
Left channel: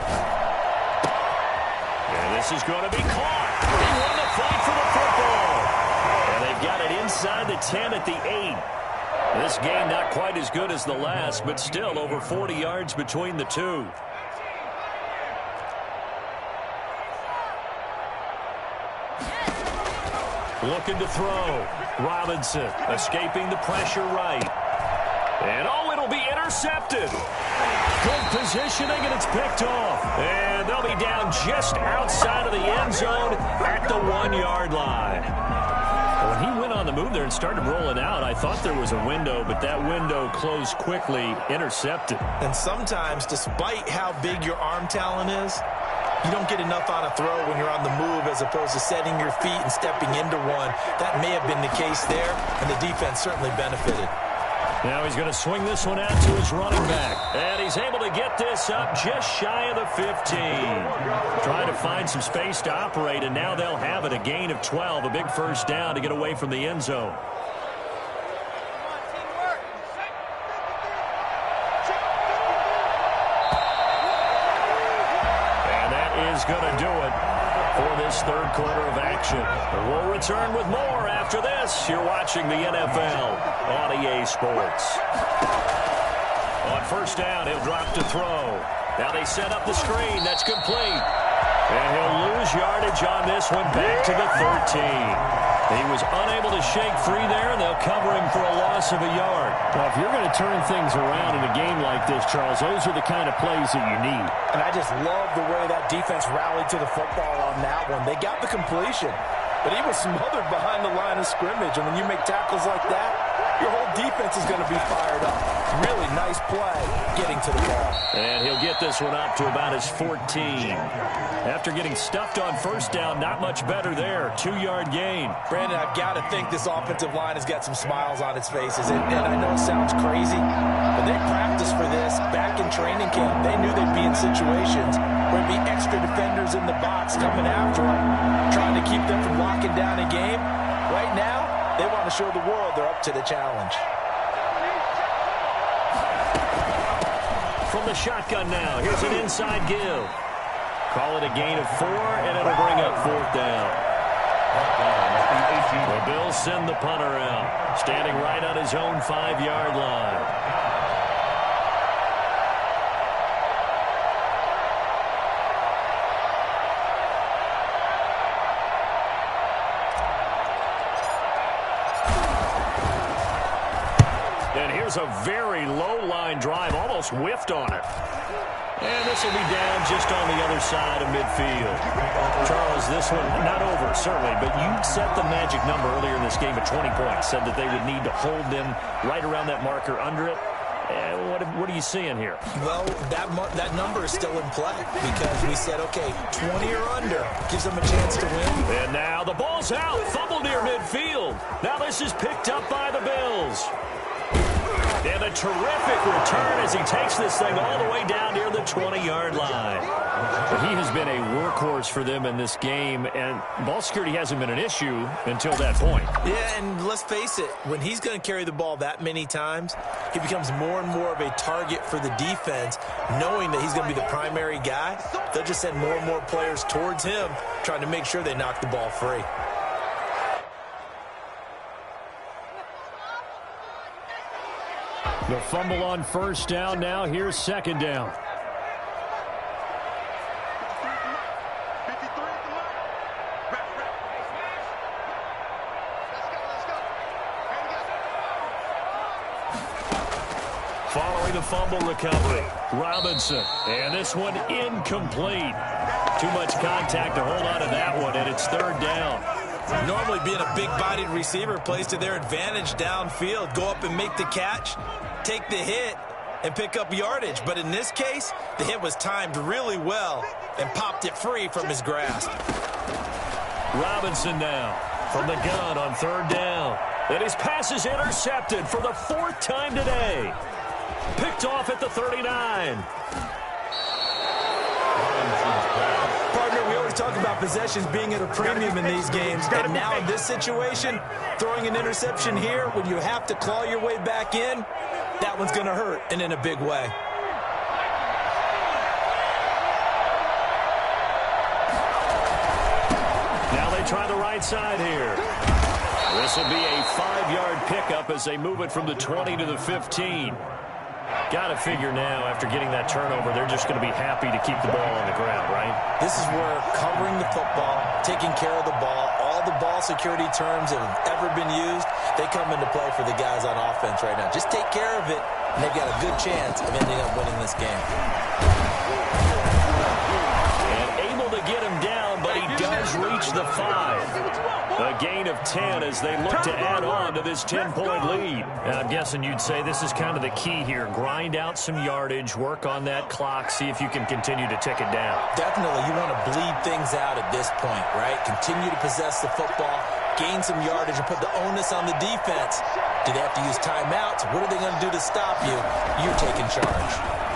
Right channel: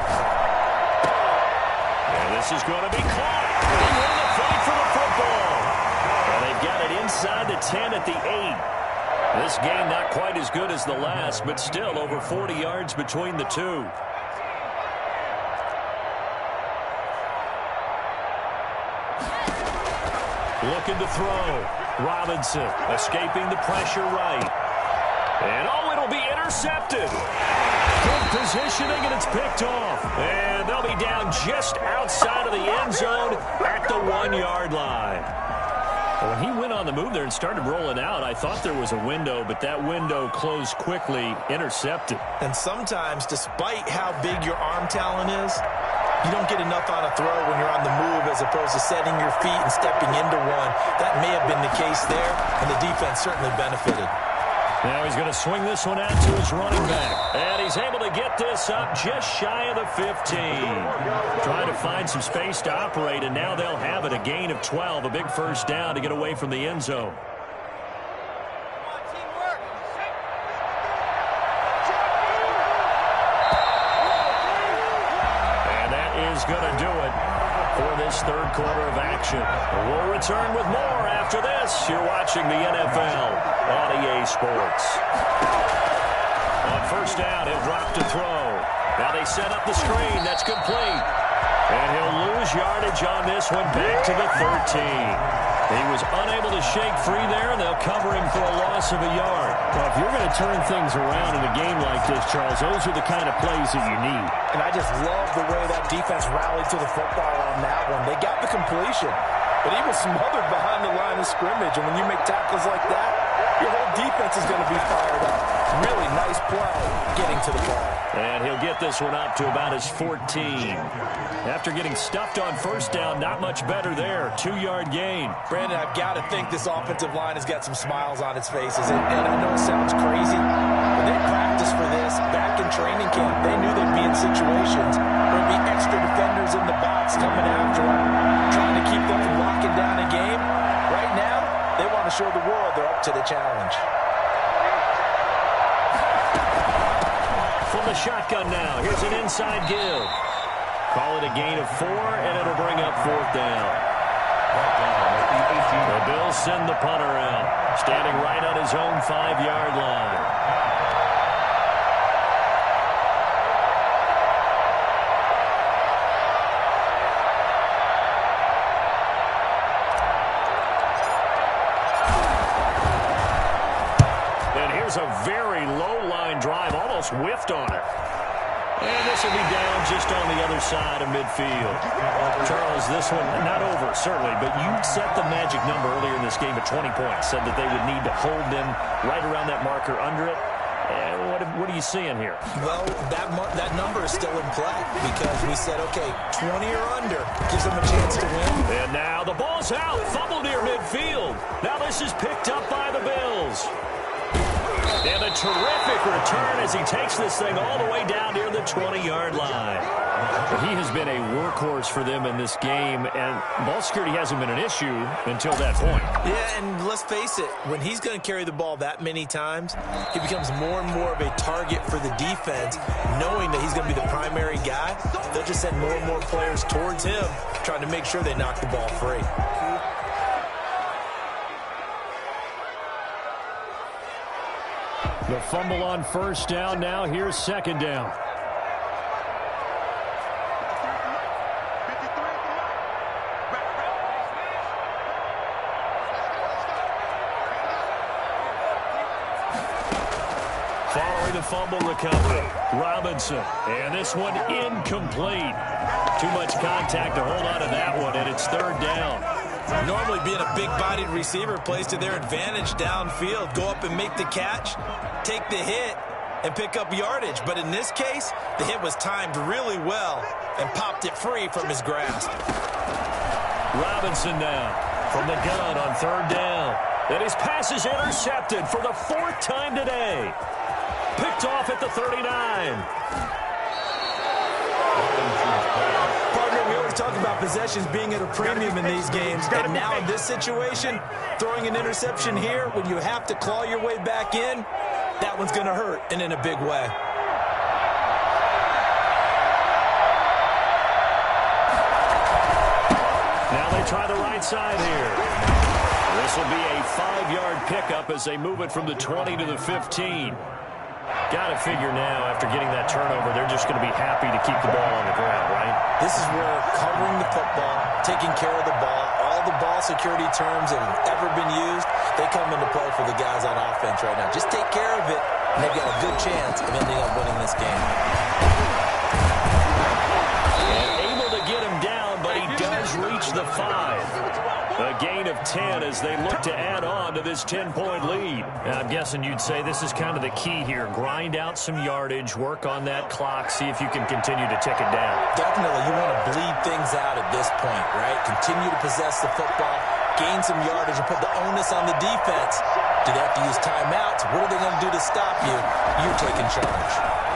And this is going to be caught. He won the fight for the football. And they've got it inside the 10 at the 8. This game not quite as good as the last, but still over 40 yards between the two. Looking to throw. Robinson escaping the pressure right. And oh, it'll be intercepted. Good positioning, and it's picked off. And they'll be down just outside of the end zone at the 1-yard line. When he went on the move there and started rolling out, I thought there was a window, but that window closed quickly, intercepted. And sometimes, despite how big your arm talent is, You don't get enough on a throw when you're on the move as opposed to setting your feet and stepping into one. That may have been the case there, and the defense certainly benefited. Now he's going to swing this one out to his running back. And he's able to get this up just shy of the 15. Trying to find some space to operate, and now they'll have it. A gain of 12, a big first down to get away from the end zone. And that is going to do it for this third quarter of action. We'll return with more after this. You're watching the NFL on EA Sports. On first down, he'll drop to throw. Now they set up the screen. That's complete. And he'll lose yardage on this one back to the 13. He was unable to shake free there, and they'll cover him for a loss of a yard. Well, if you're going to turn things around in a game like this, Charles, those are the kind of plays that you need. And I just love the way that defense rallied to the football on that one. They got the completion, but he was smothered behind the line of scrimmage. And when you make tackles like that, your whole defense is going to be fired up. Really nice play getting to the ball. And he'll get this one up to about his 14. After getting stuffed on first down, not much better there. 2-yard gain. Brandon, I've got to think this offensive line has got some smiles on its faces. And I know it sounds crazy, but they practiced for this back in training camp. They knew they'd be in situations where there'd be extra defenders in the box coming after them, trying to keep them from locking down a game. Right now, they want to show the world they're up to the challenge. From the shotgun now, here's an inside give. Call it a gain of 4, and it'll bring up fourth down. The Bills send the punter out, standing right on his own 5-yard line. And here's a very low line drive, almost whiffed on it. And this will be down just on the other side of midfield. Charles, this one not over, certainly, but you set the magic number earlier in this game at 20 points, said that they would need to hold them right around that marker under it. What are you seeing here? Well, that number is still in play because we said, okay, 20 or under gives them a chance to win. And now the ball's out, fumble near midfield. Now this is picked up by the Bills. And a terrific return as he takes this thing all the way down near the 20-yard line. He has been a workhorse for them in this game, and ball security hasn't been an issue until that point. Yeah, and let's face it, when he's going to carry the ball that many times, he becomes more and more of a target for the defense, knowing that he's going to be the primary guy. They'll just send more and more players towards him, trying to make sure they knock the ball free. The fumble on first down. Now here's second down. Following the fumble recovery, Robinson. And this one incomplete. Too much contact to hold on to that one, and it's third down. Normally being a big-bodied receiver plays to their advantage downfield. Go up and make the catch, take the hit, and pick up yardage. But in this case, the hit was timed really well and popped it free from his grasp. Robinson now from the gun on third down. And his pass is intercepted for the 4th time today. Picked off at the 39. Partner, we always talk about possessions being at a premium in these games. And now in this situation, throwing an interception here when you have to claw your way back in, that one's going to hurt, and in a big way. Now they try the right side here. This will be a 5-yard pickup as they move it from the 20 to the 15. Got to figure now, after getting that turnover, they're just going to be happy to keep the ball on the ground, right? This is where covering the football, taking care of the ball, all the ball security terms that have ever been used, they come into play for the guys on offense right now. Just take care of it, and they've got a good chance of ending up winning this game. And able to get him down, but he does reach the 5. A gain of 10 as they look to add on to this 10-point lead. Now, I'm guessing you'd say this is kind of the key here. Grind out some yardage, work on that clock, see if you can continue to tick it down. Definitely, you want to bleed things out at this point, right? Continue to possess the football, gain some yardage, and put the onus on the defense. Do they have to use timeouts? What are they going to do to stop you? You're taking charge.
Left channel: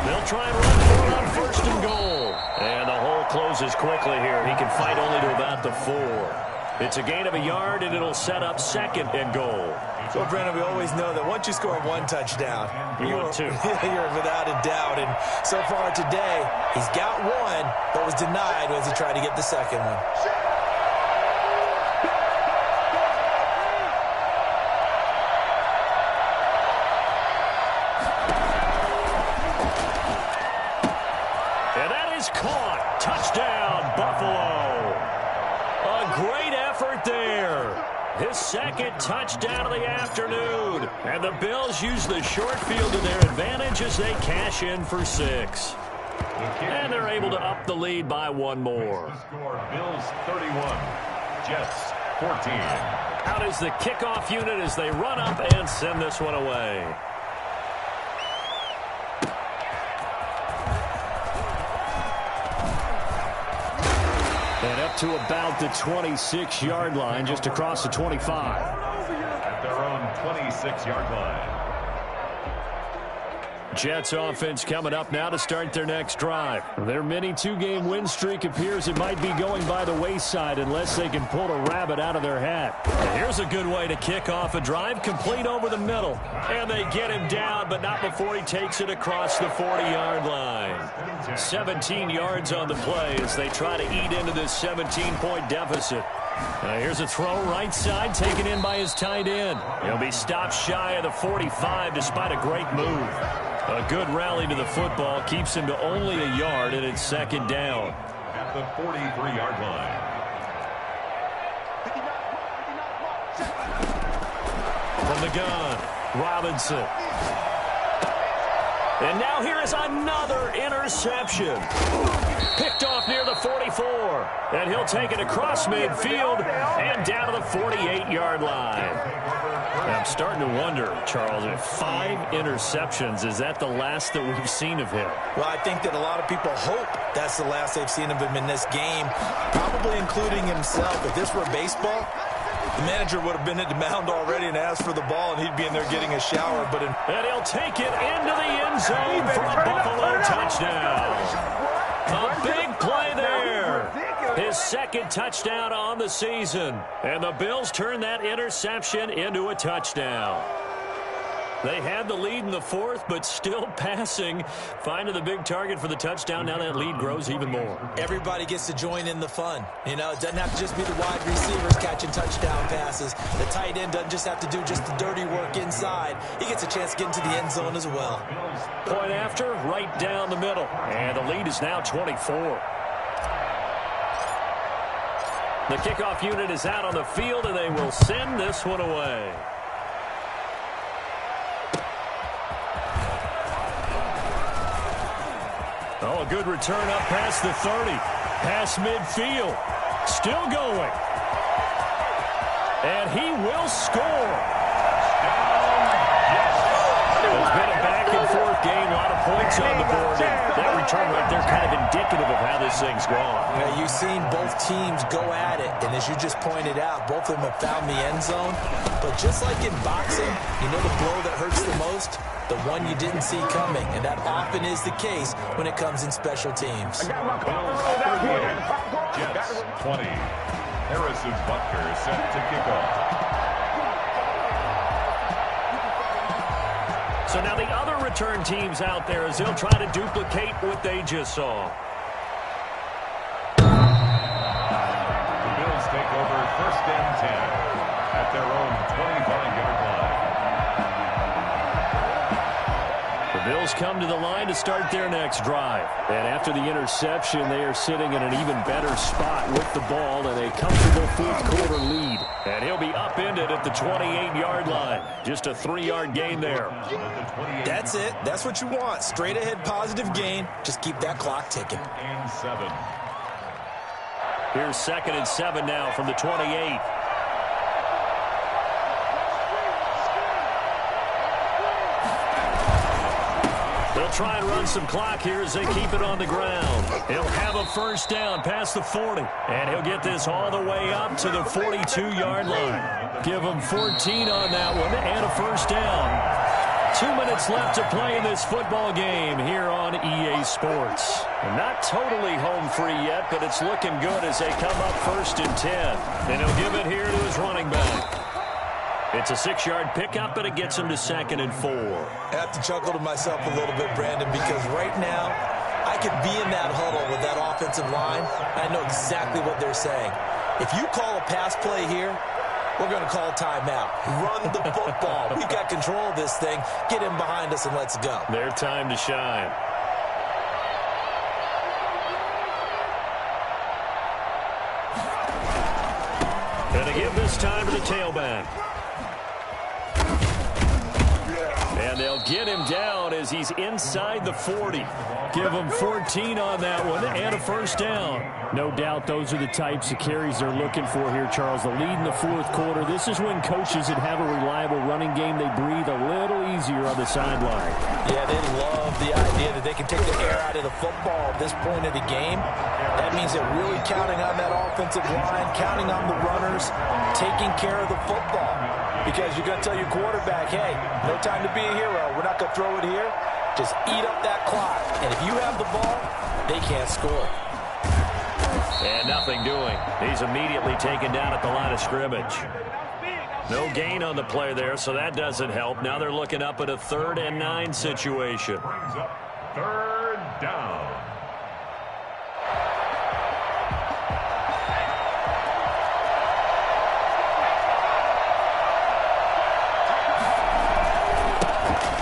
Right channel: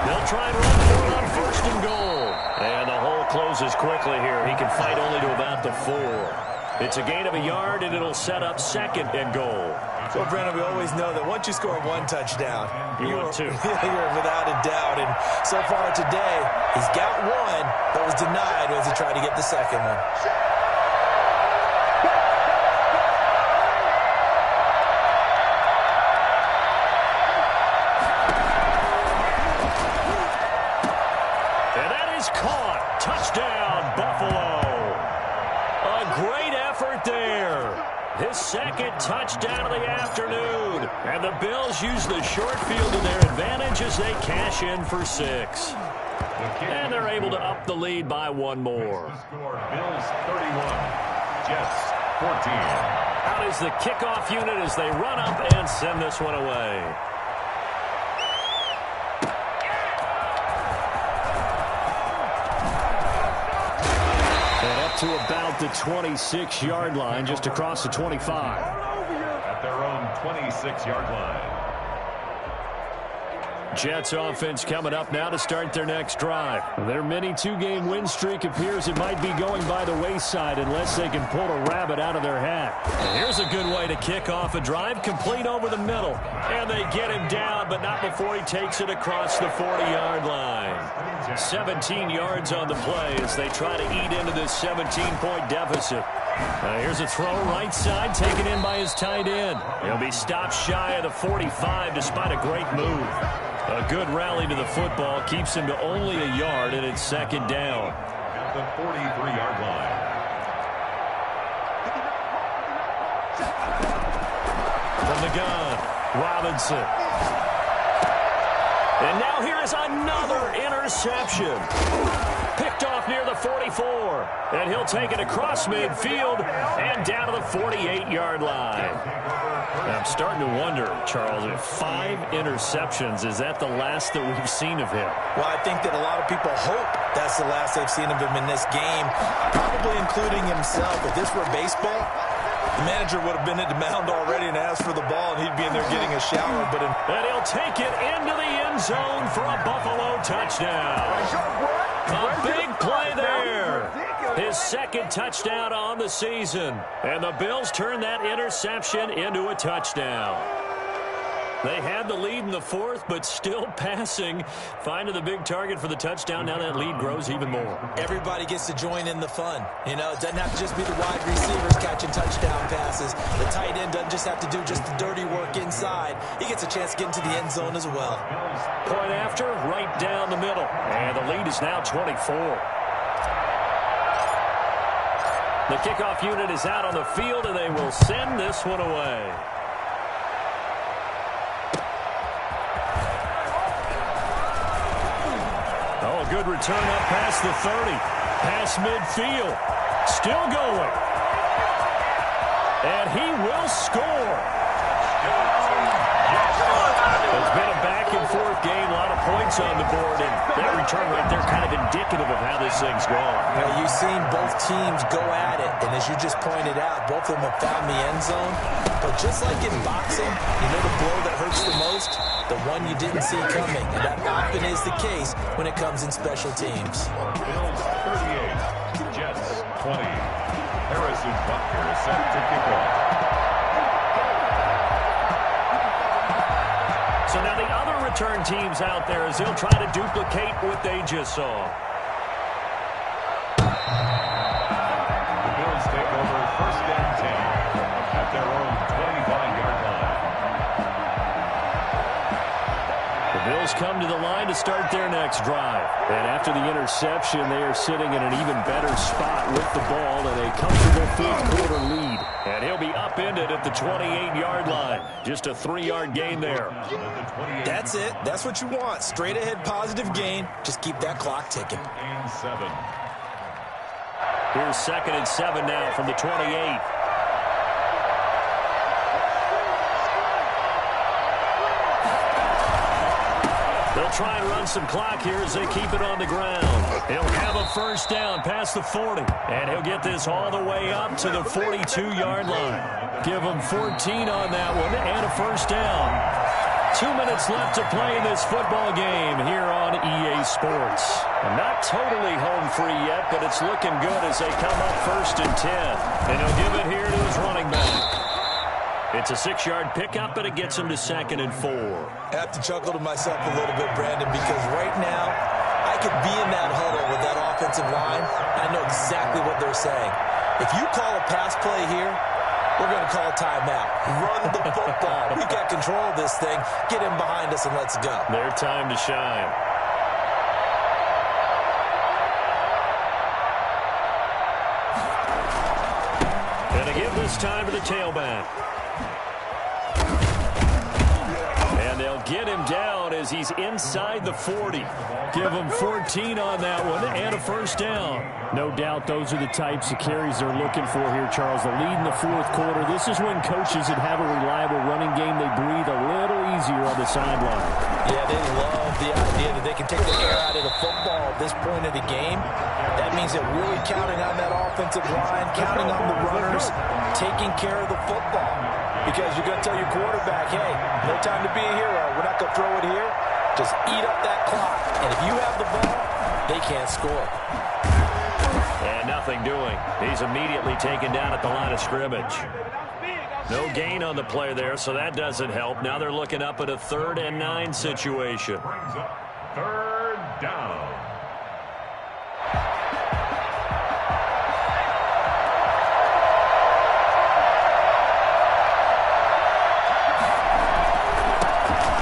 They'll try and run for it on 1st and goal. And the hole closes quickly here. He can fight only to about the 4. It's a gain of a yard, and it'll set up 2nd and goal. So, Brandon, we always know that once you score 1 touchdown, you're without a doubt. And so far today, he's got 1, but was denied as he tried to get the 2nd one. Caught. Touchdown, Buffalo. A great effort there. His 2nd touchdown of the afternoon. And the Bills use the short field to their advantage as they cash in for 6. And they're able to up the lead by 1 more. Score Bills 31, Jets 14. Out is the kickoff unit as they run up and send this one away. And up to about the 26-yard line, just across the 25. At their own 26-yard line. Jets offense coming up now to start their next drive. Their mini 2-game win streak appears it might be going by the wayside unless they can pull a rabbit out of their hat. And here's a good way to kick off a drive, complete over the middle. And they get him down, but not before he takes it across the 40-yard line. 17 yards on the play as they try to eat into this 17-point deficit. Here's a throw right side, taken in by his tight end. He'll be stopped shy of the 45 despite a great move. A good rally to the football keeps him to only a yard, and it's 2nd down. At the 43-yard line. From the gun, Robinson. And now here is another interception. Picked off near the 44. And he'll take it across midfield and down to the 48-yard line. I'm starting to wonder, Charles, if 5 interceptions, is that the last that we've seen of him? Well, I think that a lot of people hope that's the last they've seen of him in this game, probably including himself. If this were baseball, the manager would have been at the mound already and asked for the ball, and he'd be in there getting a shower. And he'll take it into the end zone for a Buffalo touchdown. A big play there. His 2nd touchdown on the season. And the Bills turn that interception into a touchdown. They had the lead in the 4th, but still passing. Finding the big target for the touchdown. Now that lead grows even more. Everybody gets to join in the fun. You know, it doesn't have to just be the wide receivers catching touchdown passes. The tight end doesn't just have to do just the dirty work inside. He gets a chance to get into the end zone as well. Point after, right down the middle. And the lead is now 24. The kickoff unit is out on the field, and they will send this one away. Oh, a good return up past the 30. Past midfield. Still going. And he will score. It's been a back-and-forth game. A lot of points on the board. And that return right there kind of indicative of how this thing's gone. Yeah, you've seen both teams go at it. And as you just pointed out, both of them have found the end zone. But just like in boxing, you know the blow that hurts the most? The one you didn't see coming. And that often is the case when it comes in special teams. Bills 38, Jets 20. Harrison Butker is set to kick off. So now the other return teams out there as they'll try to duplicate what they just saw. The Bills take over 1st and 10 at their own 25-yard line. The Bills come to the line to start their next drive. And after the interception, they are sitting in an even better spot with the ball and a comfortable 4th-quarter lead. And he'll be upended at the 28-yard line. Just a 3-yard gain there. That's it. That's what you want. Straight ahead positive gain. Just keep that clock ticking. And 7. Here's 2nd and 7 now from the 28. They'll try and run some clock here as they keep it on the ground. He'll have a first down past the 40, and he'll get this all the way up to the 42-yard line. Give him 14 on that one and a first down. 2 minutes left to play in this football game here on EA Sports. And not totally home free yet, but it's looking good as they come up 1st and 10. And he'll give it here to his running back. It's a 6-yard pickup, but it gets him to 2nd and 4. I have to chuckle to myself a little bit, Brandon, because right now I could be in that huddle with that offensive line, and I know exactly what they're saying. If you call a pass play here, we're going to call a timeout. Run the football. We've got control of this thing. Get him behind us and let's go. Their time to shine. Going to give this time to the tailback. And they'll get him down as he's inside the 40. Give him 14 on that one and a first down. No doubt those are the types of carries they're looking for here, Charles. The lead in the 4th quarter. This is when coaches that have a reliable running game, they breathe a little easier on the sideline. Yeah, they love the idea that they can take the air out of the football at this point of the game. That means they're really counting on that offensive line, counting on the runners, taking care of the football. Because you're going to tell your quarterback, hey, no time to be a hero. We're not going to throw it here. Just eat up that clock. And if you have the ball, they can't score. And nothing doing. He's immediately taken down at the line of scrimmage. No gain on the play there, so that doesn't help. Now they're looking up at a 3rd and 9 situation. Brings up 3rd down.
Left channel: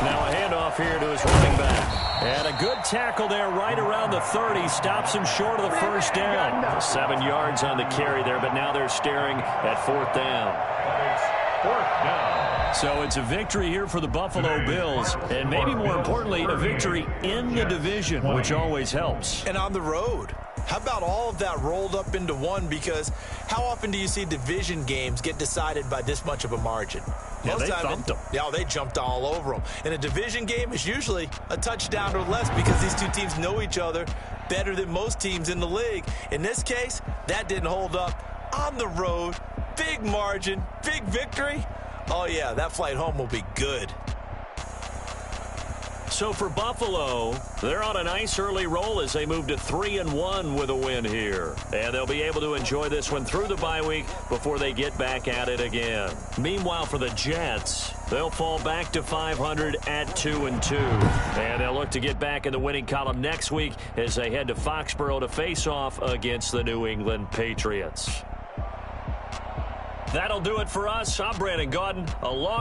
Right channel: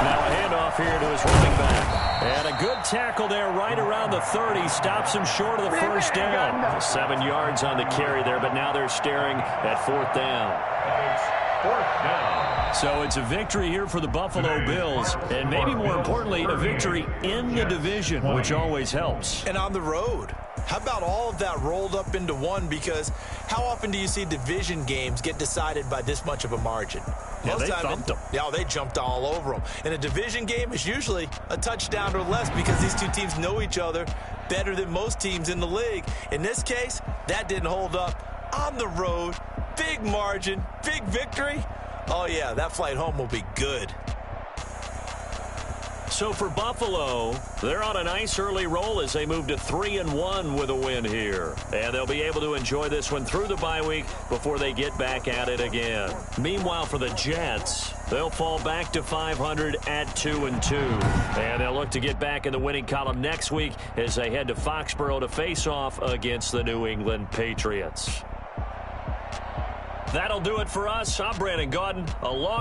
Now a handoff here to his running back. And a good tackle there right around the 30. Stops him short of the first down. 7 yards on the carry there, but now they're staring at 4th down. It's 4th down. So it's a victory here for the Buffalo Bills, and maybe more importantly, a victory in the division, which always helps. And on the road. How about all of that rolled up into one? Because how often do you see division games get decided by this much of a margin? Yeah, they thumped them. Yeah, they jumped all over them. And a division game is usually a touchdown or less because these two teams know each other better than most teams in the league. In this case, that didn't hold up. On the road, big margin, big victory. Oh, yeah, that flight home will be good. So for Buffalo, they're on a nice early roll as they move to 3-1 with a win here. And they'll be able to enjoy this one through the bye week before they get back at it again. Meanwhile, for the Jets, they'll fall back to 500 at 2-2. And they'll look to get back in the winning column next week as they head to Foxborough to face off against the New England Patriots. That'll do it for us. I'm Brandon Gaudin, along